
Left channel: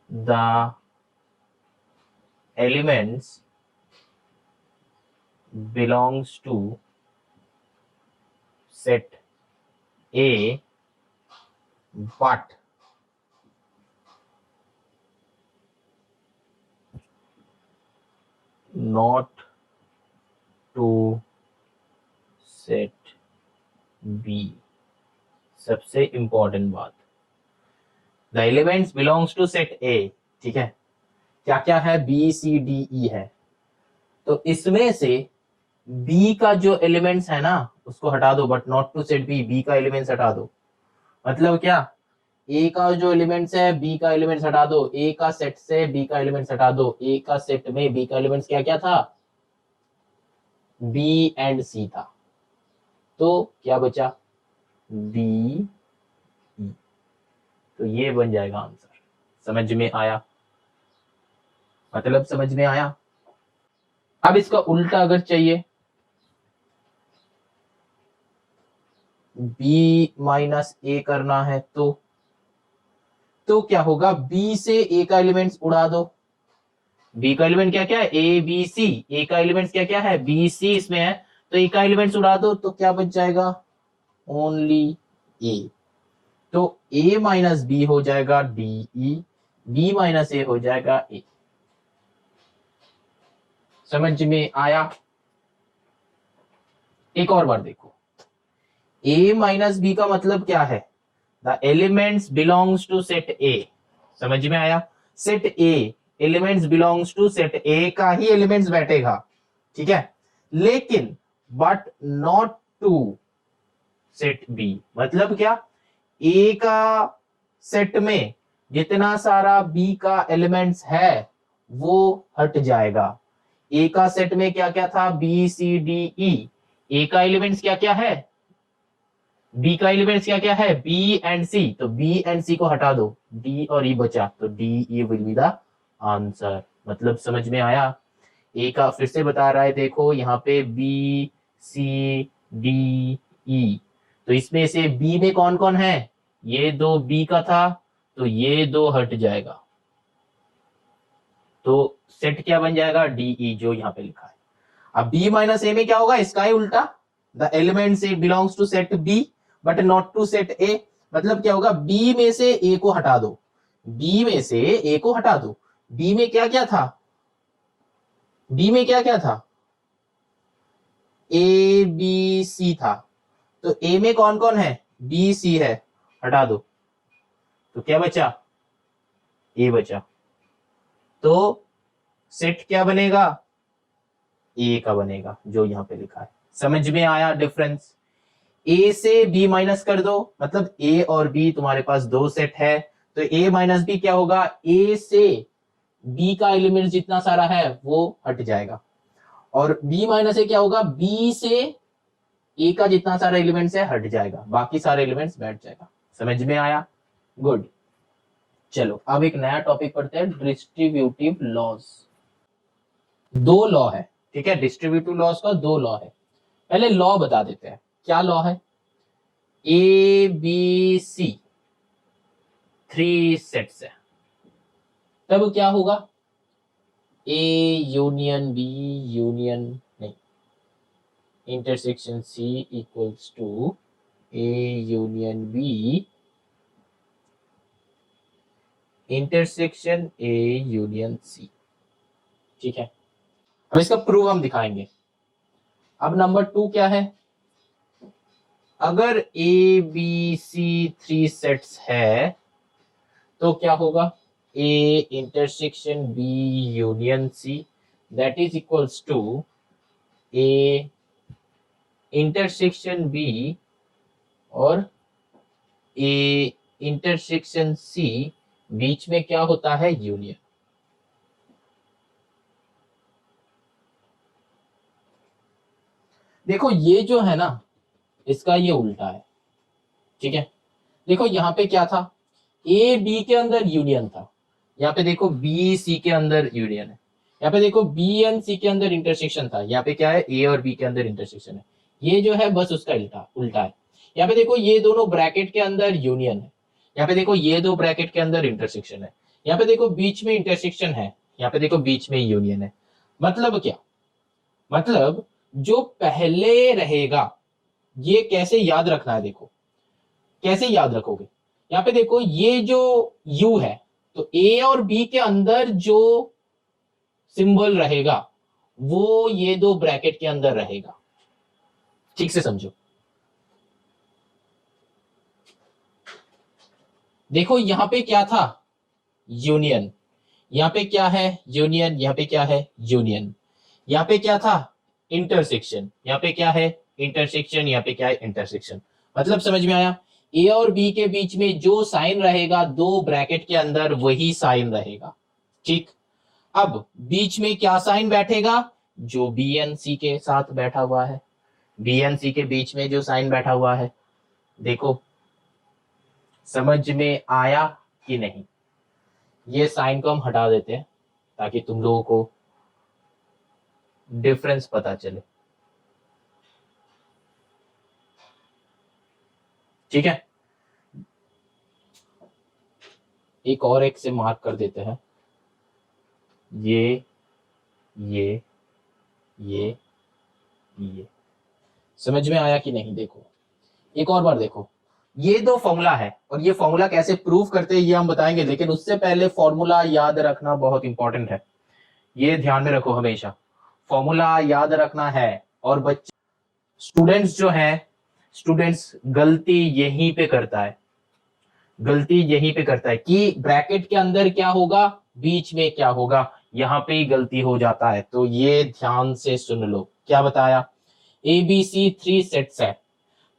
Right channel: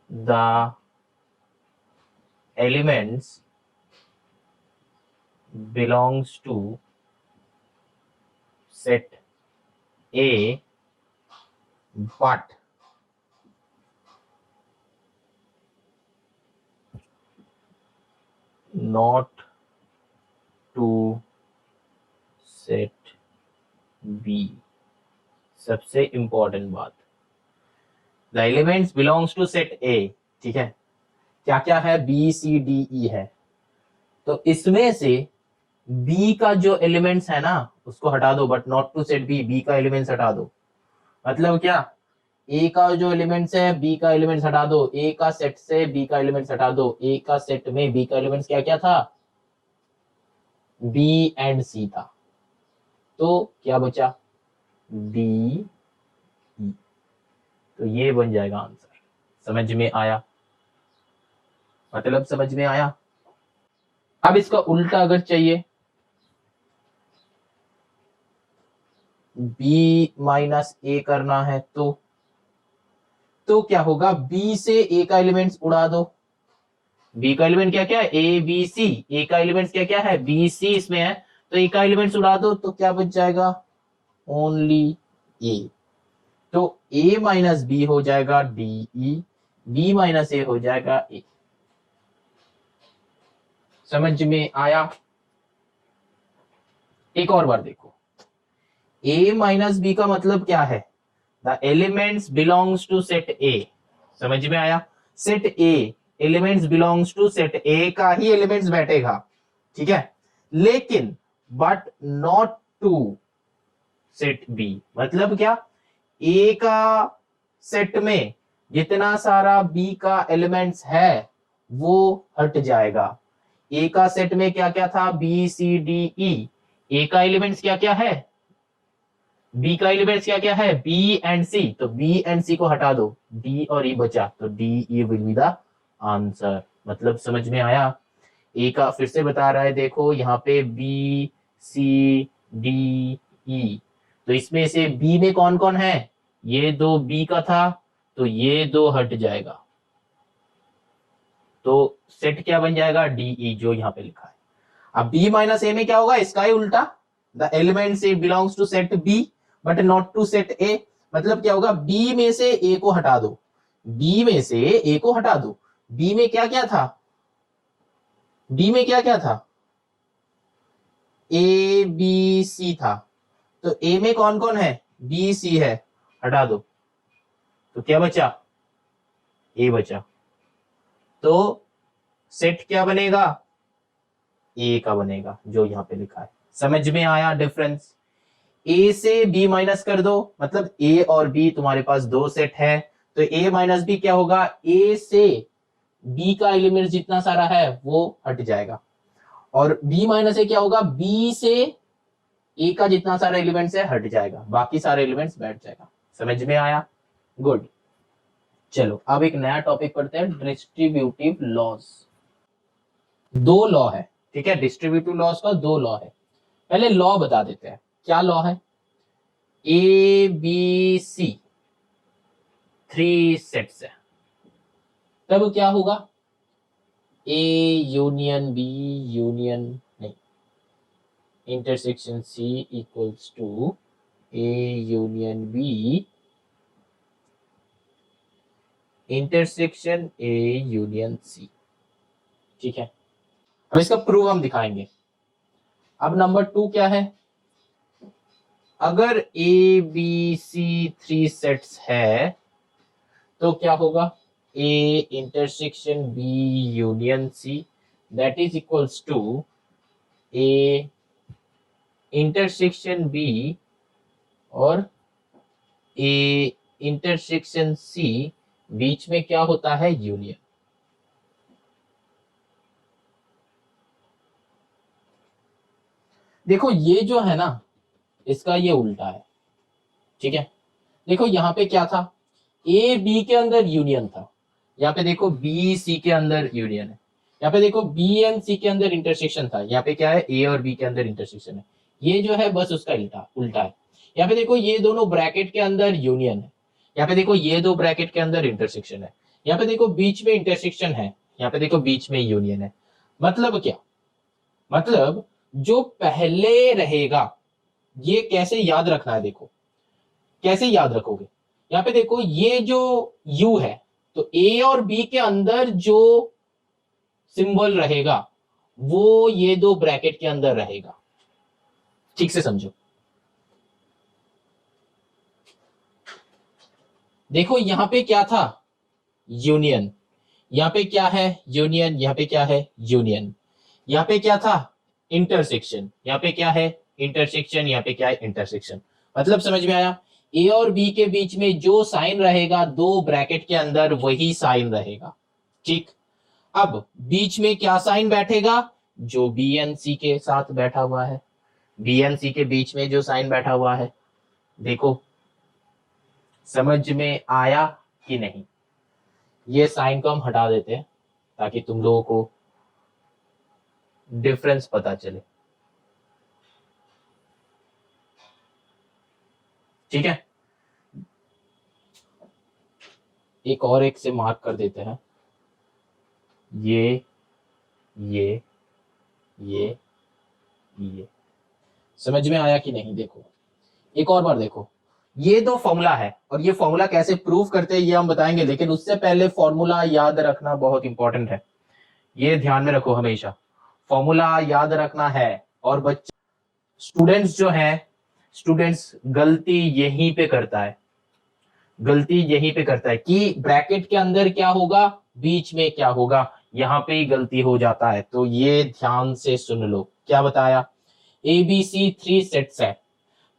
the elements belongs to set A but not to set B. सबसे इंपॉर्टेंट बात, the elements belongs to set A, ठीक है। क्या क्या है, बी सी डी ई है, तो इसमें से बी का जो एलिमेंट्स है ना उसको हटा दो, but not to set B, B का एलिमेंट्स हटा दो। मतलब क्या, ए का जो एलिमेंट्स है बी का एलिमेंट्स हटा दो, ए का सेट से बी का एलिमेंट्स हटा दो। ए का सेट में बी का एलिमेंट्स क्या क्या था, बी एंड सी था, तो क्या बचा, बी, तो ये बन जाएगा आंसर। समझ में आया, मतलब समझ में आया। अब इसका उल्टा अगर चाहिए, बी माइनस ए करना है तो क्या होगा, बी से ए का एलिमेंट्स उड़ा दो। बी का एलिमेंट क्या क्या है, ए बी सी, ए का एलिमेंट्स क्या क्या है, बी सी इसमें है, तो ए का एलिमेंट्स उड़ा दो तो क्या बच जाएगा, ओनली ए। तो ए माइनस बी हो जाएगा डी ई, बी माइनस ए हो जाएगा ए। समझ में आया। एक और बार देखो, ए माइनस बी का मतलब क्या है, the elements belongs to set A. समझ में आया, set A, elements belongs to set A का ही एलिमेंट्स बैठेगा, ठीक है, लेकिन but not to set B. मतलब क्या, ए का सेट में जितना सारा बी का एलिमेंट्स है वो हट जाएगा। ए का सेट में क्या क्या था, बी सी डी ई, ए का एलिमेंट्स क्या क्या है, बी का एलिमेंट्स क्या क्या है, बी एंड सी, तो बी एंड सी को हटा दो, डी और ई बचा, तो D E will be the answer. मतलब समझ में आया। ए का फिर से बता रहा है, देखो यहाँ पे बी सी डी ई, तो इसमें से बी में कौन कौन है, ये दो बी का था, तो ये दो हट जाएगा, तो सेट क्या बन जाएगा, डीई, जो यहाँ पे लिखा है। अब बी माइनस ए में क्या होगा, इसका ही उल्टा, the element A belongs to set B but not to set A. मतलब क्या होगा, बी में से ए को हटा दो, बी में से ए को हटा दो, बी में क्या क्या था, बी में क्या क्या था, ए बी सी था, तो ए में कौन कौन है, बी सी है, हटा दो, तो क्या बचा, ए बचा, तो सेट क्या बनेगा, ए का बनेगा, जो यहां पे लिखा है। समझ में आया डिफरेंस। ए से बी माइनस कर दो, मतलब ए और बी तुम्हारे पास दो सेट है, तो ए माइनस बी क्या होगा, ए से बी का एलिमेंट जितना सारा है वो हट जाएगा, और बी माइनस ए क्या होगा, बी से ए का जितना सारा एलिमेंट्स है हट जाएगा, बाकी सारे एलिमेंट्स बैठ जाएगा। समझ में आया, गुड। चलो अब एक नया टॉपिक पढ़ते हैं, डिस्ट्रीब्यूटिव लॉज। दो लॉ है, ठीक है, डिस्ट्रीब्यूटिव लॉज का दो लॉ है। पहले लॉ बता देते हैं, क्या लॉ है, A B C three sets है, तब क्या होगा, ए यूनियन बी यूनियन नहीं, intersection C equals to A union B intersection A union C, ठीक है। अब इसका प्रूफ हम दिखाएंगे। अब नंबर 2 क्या है, अगर A B C three sets है तो क्या होगा, A intersection B union C that is equals to A intersection B और ए इंटरसेक्शन सी, बीच में क्या होता है, यूनियन। देखो ये जो है ना, इसका ये उल्टा है, ठीक है। देखो यहाँ पे क्या था, ए बी के अंदर यूनियन था, यहाँ पे देखो बी सी के अंदर यूनियन है, यहाँ पे देखो बी एंड सी के अंदर इंटरसेक्शन था, यहाँ पे क्या है, ए और बी के अंदर इंटरसेक्शन है। ये जो है बस उसका उल्टा उल्टा है। यहाँ पे देखो ये दोनों ब्रैकेट के अंदर यूनियन है, यहाँ पे देखो ये दो ब्रैकेट के अंदर इंटरसेक्शन है, यहाँ पे देखो बीच में इंटरसेक्शन है, यहाँ पे देखो बीच में यूनियन है। मतलब क्या, मतलब जो पहले रहेगा, ये कैसे याद रखना है, देखो कैसे याद रखोगे। यहाँ पे देखो ये जो u है, तो a और b के अंदर जो सिंबल रहेगा वो ये दो ब्रैकेट के अंदर रहेगा, ठीक से समझो। देखो यहां पे क्या था, यूनियन, यहाँ पे क्या है, यूनियन, यहाँ पे क्या है, यूनियन, यहाँ पे क्या था, इंटरसेक्शन, यहाँ पे क्या है, इंटरसेक्शन, यहाँ पे क्या है, इंटरसेक्शन। मतलब समझ में आया, ए और बी के बीच में जो साइन रहेगा दो ब्रैकेट के अंदर वही साइन रहेगा, ठीक। अब बीच में क्या साइन बैठेगा, जो बी एन सी के साथ बैठा हुआ है, बी एन सी के बीच में जो साइन बैठा हुआ है। देखो समझ में आया कि नहीं, ये साइन को हम हटा देते हैं ताकि तुम लोगों को डिफरेंस पता चले, ठीक है। एक और एक से मार्क कर देते हैं, ये ये ये ये, समझ में आया कि नहीं। देखो एक और बार देखो, ये दो फॉर्मूला है और ये फॉर्मूला कैसे प्रूव करते हैं ये हम बताएंगे, लेकिन उससे पहले फॉर्मूला याद रखना बहुत इंपॉर्टेंट है, ये ध्यान में रखो हमेशा, फॉर्मूला याद रखना है। और बच्चे स्टूडेंट्स जो है, स्टूडेंट्स गलती यहीं पे करता है, गलती यहीं पे करता है कि ब्रैकेट के अंदर क्या होगा, बीच में क्या होगा, यहाँ पे ही गलती हो जाता है। तो ये ध्यान से सुन लो, क्या बताया, ए बी सी 3 सेट्स है,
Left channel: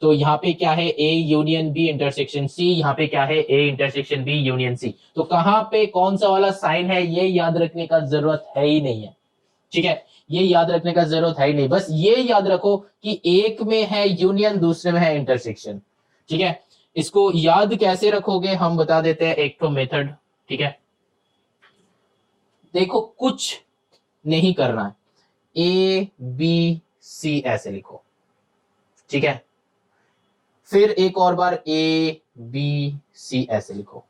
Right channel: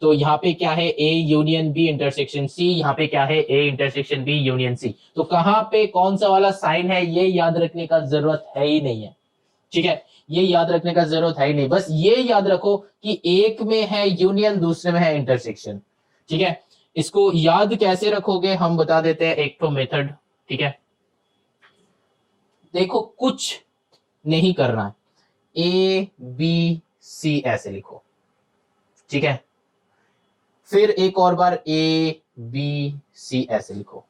तो यहाँ पे क्या है, A union B intersection C, यहाँ पे क्या है, A intersection B union C. तो कहाँ पे कौन सा वाला साइन है ये याद रखने का जरूरत है ही नहीं है, ठीक है, ये याद रखने का जरूरत है ही नहीं। बस ये याद रखो कि एक में है यूनियन, दूसरे में है इंटरसेक्शन, ठीक है। इसको याद कैसे रखोगे हम बता देते हैं, एक तो मेथड, ठीक है। देखो कुछ नहीं करना है, ए बी सी ऐसे लिखो, ठीक है। फिर एक और बार ए बी सी ऐसे लिखो,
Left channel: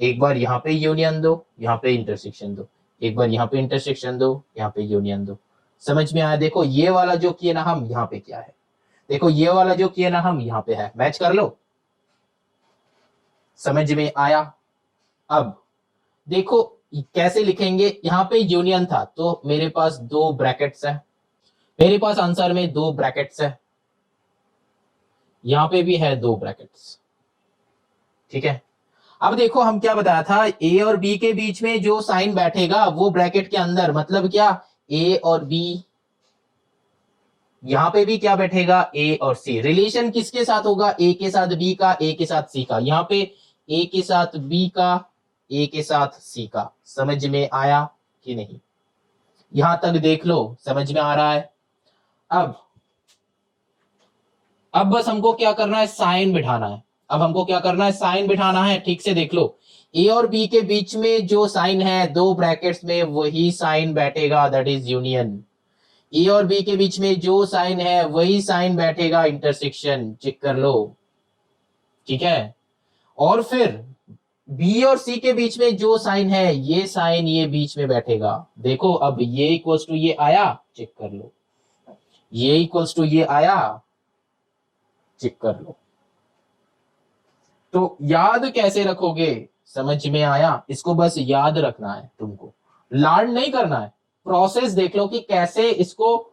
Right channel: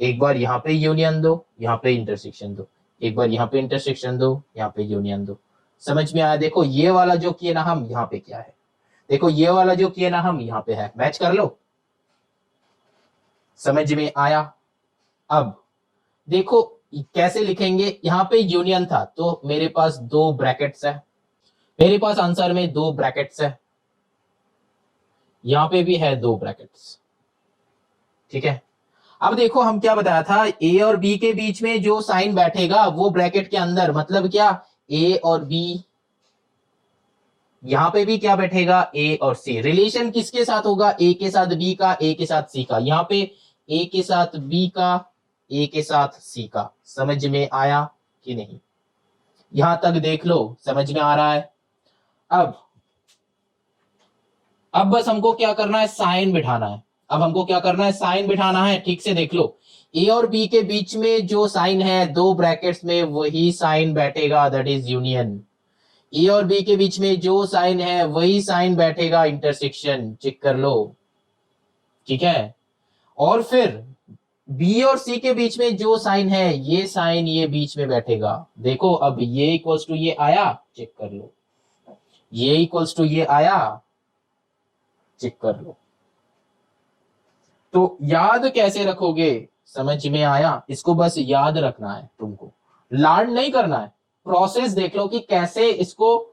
एक बार यहां पे यूनियन दो, यहां पे इंटरसेक्शन दो, एक बार यहां पे इंटरसेक्शन दो, यहां पे यूनियन दो। समझ में आया? देखो ये वाला जो किए ना हम, यहां पे क्या है, देखो ये वाला जो किए ना हम, यहां पे है, मैच कर लो। समझ में आया? अब देखो कैसे लिखेंगे, यहां पे यूनियन था तो मेरे पास दो ब्रैकेट्स है, मेरे पास आंसर में दो ब्रैकेट्स है, यहां पे भी है दो ब्रैकेट्स, ठीक है। अब देखो हम क्या बताया था, ए और बी के बीच में जो साइन बैठेगा वो ब्रैकेट के अंदर, मतलब क्या, ए और बी, यहां पे भी क्या बैठेगा, ए और सी। रिलेशन किसके साथ होगा, ए के साथ बी का, ए के साथ सी का, यहां पे ए के साथ बी का, ए के साथ सी का। समझ में आया कि नहीं? यहां तक देख लो, समझ में आ रहा है? अब बस हमको क्या करना है, साइन बिठाना है। अब हमको क्या करना है, साइन बिठाना है। ठीक से देख लो, ए और बी के बीच में जो साइन है दो ब्रैकेट्स में, वही साइन बैठेगा, दैट इज यूनियन। ए और बी के बीच में जो साइन है वही साइन बैठेगा, इंटरसेक्शन। चेक कर लो, ठीक है। और फिर बी और सी के बीच में जो साइन है, ये साइन ये बीच में बैठेगा। देखो अब ये इक्वल्स टू ये आया, चेक कर लो, ये इक्वल्स टू ये आया, चेक कर लो। तो याद कैसे रखोगे, समझ में आया? इसको बस याद रखना है तुमको, लर्न नहीं करना है। प्रोसेस देख लो कि कैसे इसको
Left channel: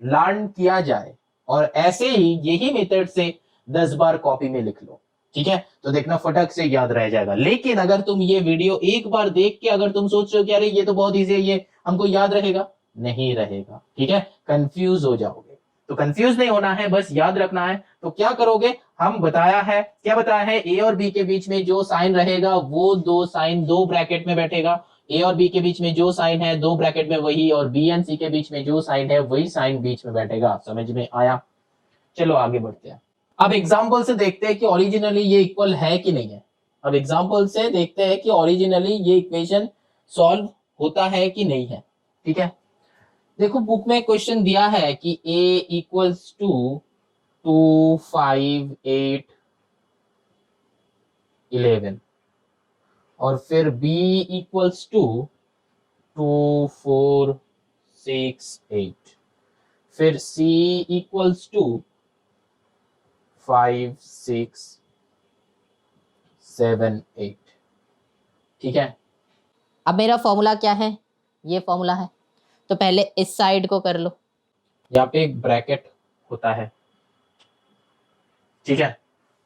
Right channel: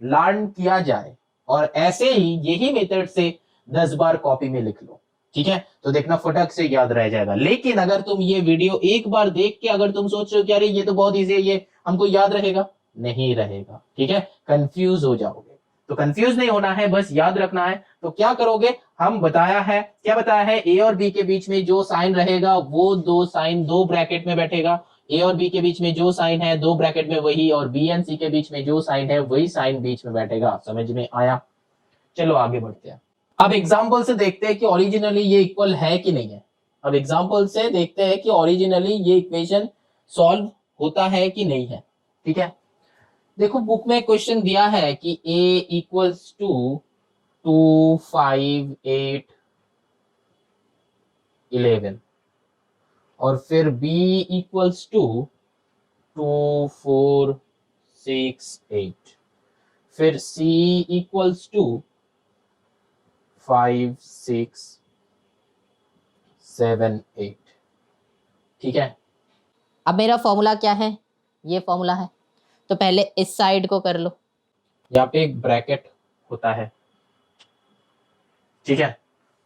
लर्न किया जाए, और ऐसे ही यही मेथड से 10 बार कॉपी में लिख लो, ठीक है। तो देखना फटक से याद रह जाएगा। लेकिन अगर तुम ये वीडियो एक बार देख के अगर तुम सोच रहे हो कि अरे ये तो बहुत इजी है, ये हमको याद रहेगा, नहीं रहेगा, ठीक है, कंफ्यूज हो जाओगे। तो कंफ्यूज नहीं होना है, बस याद रखना है। तो क्या करोगे, हम बताया है, क्या बताया है, ए और बी के बीच में जो साइन रहेगा वो दो साइन दो ब्रैकेट में बैठेगा। ए और बी के बीच में जो साइन है दो ब्रैकेट में वही, और बी एंड सी के बीच में जो साइन है वही साइन बीच में बैठेगा। समझ में आया? चलो आगे बढ़ते हैं। अब एग्जाम्पल से देखते हैं कि ओरिजिनली ये इक्वल है कि नहीं है। अब एग्जाम्पल से देखते हैं कि ओरिजिनली ये इक्वेशन सॉल्व होता है कि नहीं है, ठीक है। देखो बुक में क्वेश्चन दिया है कि a इक्वल्स टू 2 5 8 11, और फिर b इक्वल्स टू 2 4 6 8, फिर c इक्वल्स टू 5 6 7 8, ठीक है। अब मेरा फॉर्मूला क्या है, ये फॉर्मूला है, तो पहले इस साइड को कर लो। यहाँ पे एक ब्रैकेट होता है, ठीक है।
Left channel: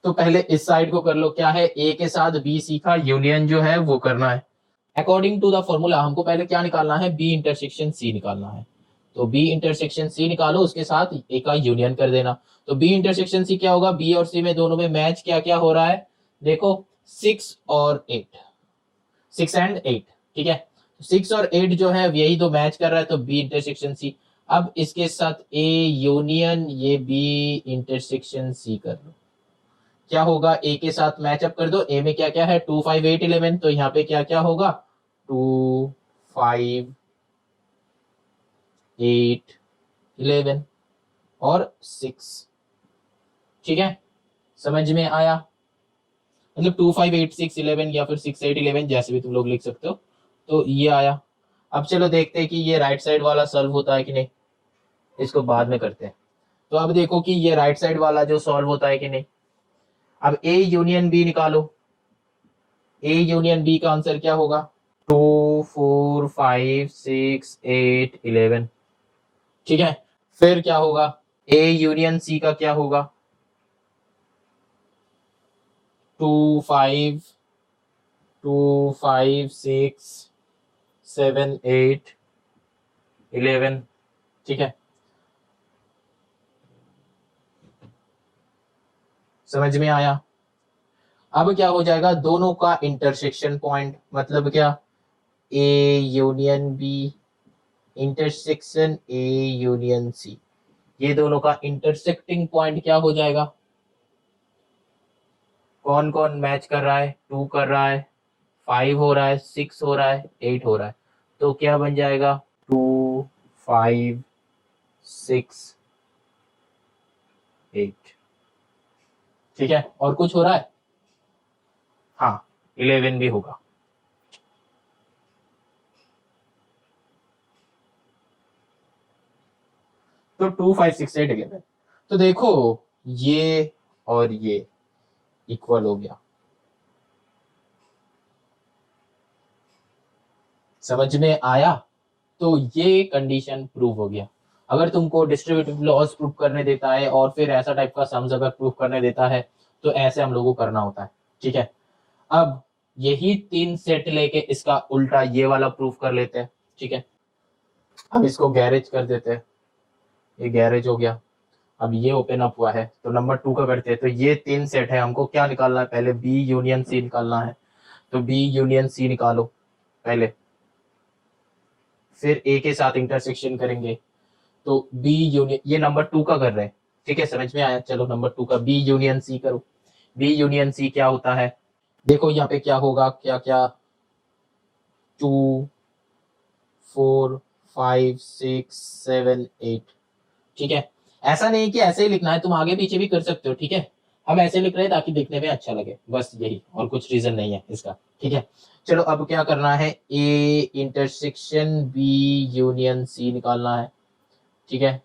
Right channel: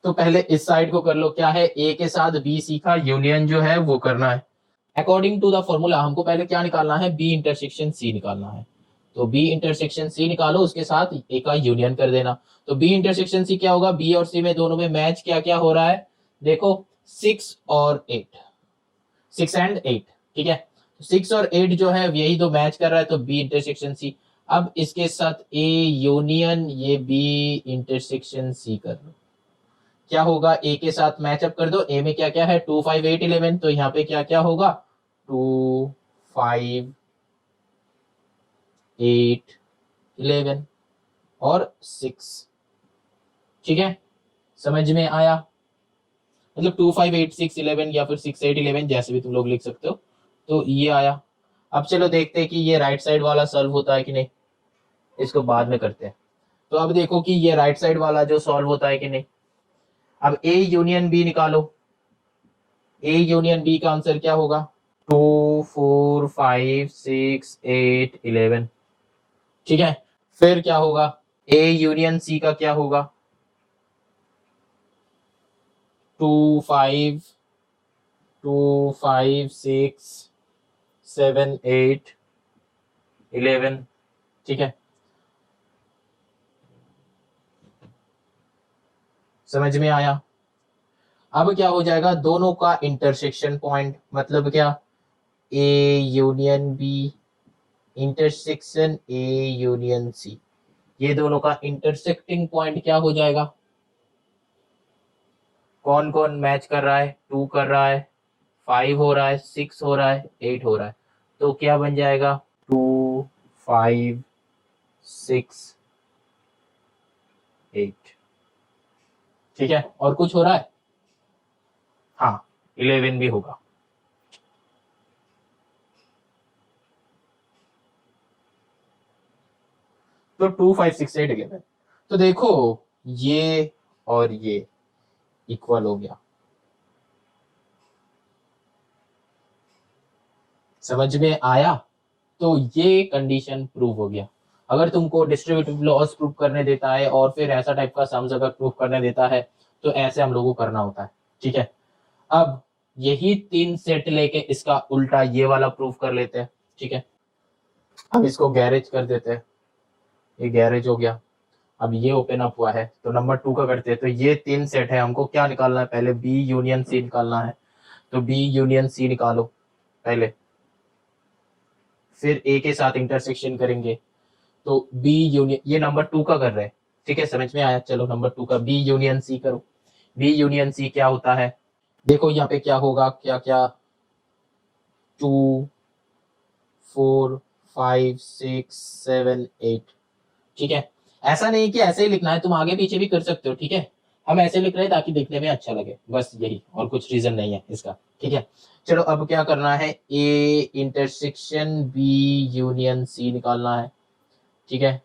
तो पहले इस साइड को कर लो, क्या है, ए के साथ बी सी का यूनियन जो है वो करना है। अकॉर्डिंग टू द फॉर्मूला हमको पहले क्या निकालना है, बी इंटरसेक्शन सी निकालना है। तो बी इंटरसेक्शन सी निकालो, उसके साथ ए का यूनियन कर देना। तो बी इंटरसेक्शन सी क्या होगा, बी और सी में दोनों में मैच क्या क्या हो रहा है, देखो 6 और 8, 6 एंड 8, ठीक है। 6 और 8 जो है यही दो मैच कर रहा है, तो बी इंटरसेक्शन सी। अब इसके साथ ए यूनियन ये बी इंटरसेक्शन सी कर लो, क्या होगा, ए के साथ मैचअप कर दो। ए में क्या क्या है, 2 5 8 11, तो यहाँ पे क्या क्या होगा, 2 5 8 11 और 6, ठीक है। समझ में आया? मतलब 2 5 8 6 11 या फिर 6 8 11 जैसे भी तुम लोग लिख सकते हो। तो ये आया। अब चलो देखते हैं कि ये राइट साइड वाला सॉल्व होता है कि नहीं, इसको बाद में करते हैं। तो अब देखो कि ये राइट साइड वाला जो सॉल्व होता है कि नहीं। अब ए यूनियन बी निकालो, ए यूनियन बी का आंसर क्या होगा, 2 4 5 6 8 11, ठीक है। फिर क्या होगा, ए यूनियन सी का क्या होगा, 2 5 2 5 6 7 8 11, ठीक है, समझ में आया। अब क्या हो जाएगा, दोनों का इंटरसेक्शन पॉइंट, मतलब क्या, A union B, intersection A union C, ये दोनों का इंटरसेक्टिंग पॉइंट क्या हो जाएगा, कौन कौन मैच कर रहा है, 2 कर रहा है, 5 हो रहा है, 6 हो रहा है, 8 हो रहा है, तो क्या बन जाएगा, 2 5 6 8, ठीक है। और कुछ हो रहा है, हाँ 11 भी होगा। तो 2 5 6 8 11, तो देखो ये और ये इक्वल हो गया, समझ में आया। तो ये कंडीशन प्रूव हो गया। अगर तुमको डिस्ट्रीब्यूटिव लॉस प्रूव करने देता है और फिर ऐसा टाइप का सम्स अगर प्रूव करने देता है तो ऐसे हम लोगों को करना होता है, ठीक है। अब यही 3 सेट लेके इसका उल्टा ये वाला प्रूफ कर लेते हैं, ठीक है। अब इसको गैरेज कर देते हैं, ये गैरेज हो गया। अब ये ओपन अप हुआ है तो नंबर 2 का करते हैं। तो ये 3 सेट है, हमको क्या निकालना है, पहले बी यूनियन सी निकालना है। तो बी यूनियन सी निकालो पहले, फिर ए के साथ इंटरसेक्शन करेंगे। तो बी यूनियन, ये नंबर 2 का कर रहे हैं, ठीक है, समझ में आया। चलो नंबर 2 का बी यूनियन सी करो। बी यूनियन सी क्या होता है, देखो यहाँ पे क्या होगा, क्या क्या, 2 4 5 6 7 8, ठीक है। ऐसा नहीं कि ऐसे ही लिखना है, तुम आगे पीछे भी कर सकते हो, ठीक है। हम ऐसे लिख रहे हैं ताकि देखने में अच्छा लगे, बस यही, और कुछ रीजन नहीं है इसका, ठीक है। चलो अब क्या करना है, A intersection B union C निकालना है, ठीक है।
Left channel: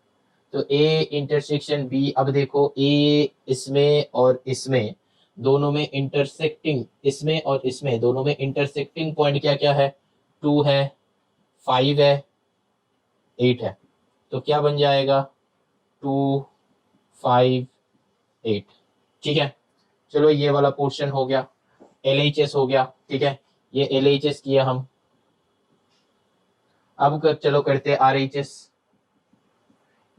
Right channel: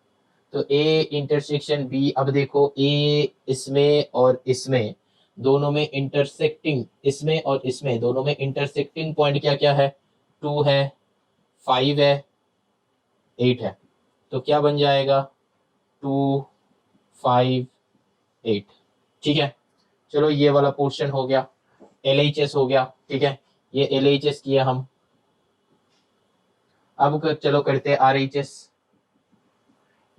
तो ए इंटरसेक्शन बी, अब देखो ए इसमें और इसमें दोनों में इंटरसेक्टिंग, इसमें और इसमें दोनों में इंटरसेक्टिंग पॉइंट क्या क्या है, 2 है, 5 है, 8 है। तो क्या बन जाएगा, 2 5 8, ठीक है। चलो ये वाला पोर्शन हो गया, LHS हो गया, ठीक है, ये LHS किया हम। अब चलो करते हैं RHS।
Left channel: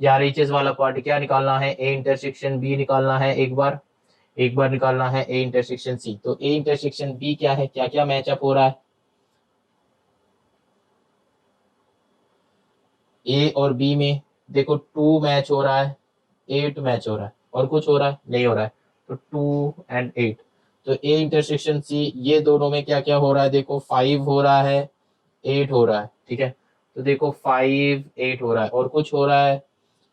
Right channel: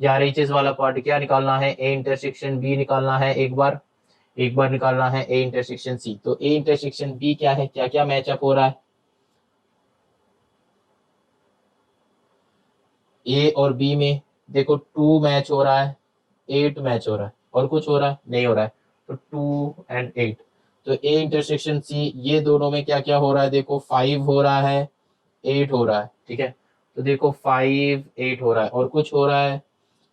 या RHS वाला पार्ट क्या निकालना है, ए इंटरसेक्शन बी निकालना है, एक बार निकालना है ए इंटरसेक्शन सी। तो ए इंटरसेक्शन बी क्या है, क्या क्या मैचअप हो रहा है, ए और बी में देखो 2 मैच हो रहा है, 8 मैच हो रहा है, और कुछ हो रहा है, नहीं हो रहा है। तो 2 and 8, तो ए इंटरसेक्शन सी, ये दोनों में क्या क्या हो रहा है, देखो 5 हो रहा है, 8 हो रहा है, ठीक है। तो देखो 5 8 हो रहा है, और कुछ हो रहा है,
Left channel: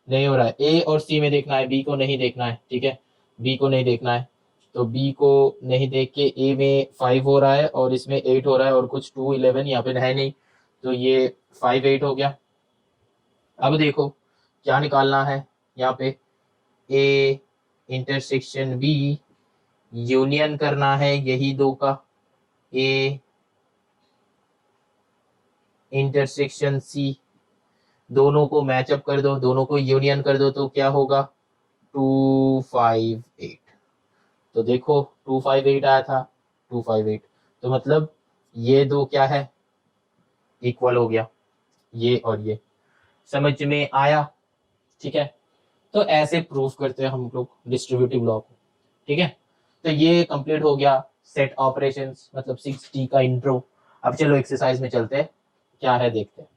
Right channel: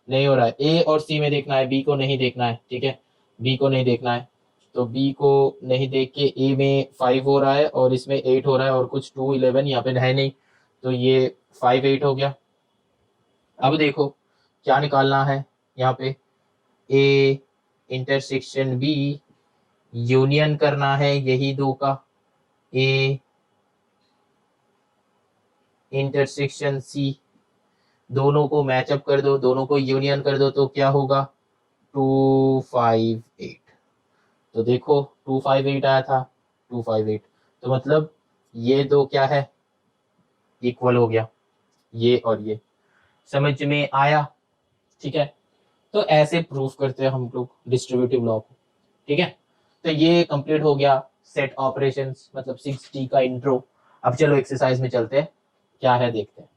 नहीं हो रहा है। ए और सी में देखना है, बी को नहीं देखना है, ठीक है, बी को नहीं देखना है। तो बी को नहीं देख के ए में 5 हो रहा है और इसमें 8 हो रहा है, और कुछ 2 11 यहाँ पे है नहीं, तो ये 5 8 हो गया। अब देखो क्या निकालना है यहाँ पे, ए इंटरसेक्शन बी यूनियन करना है यही दो का, ए इंटरसेक्शन सी, दोनों को मैचअप कर दो, दोनों को यूनियन कर दो, तो क्या होगा, 2 5 8। तो देखो 2 5 8 आया था, 2 5 8, तो मतलब ये दो क्या है, इक्वल हो गया, ये और ये, समझ में आया, ठीक है। तो ऐसे प्रूफ करते हैं हम लोग डिस्ट्रीब्यूटिव लॉ को, ठीक है। तो ये कंप्लीट हो गया सेट ऑपरेशंस, मतलब 6T का इंट्रो। अब चलो एक्सरसाइज में चलते हैं, क्या है देखते हैं।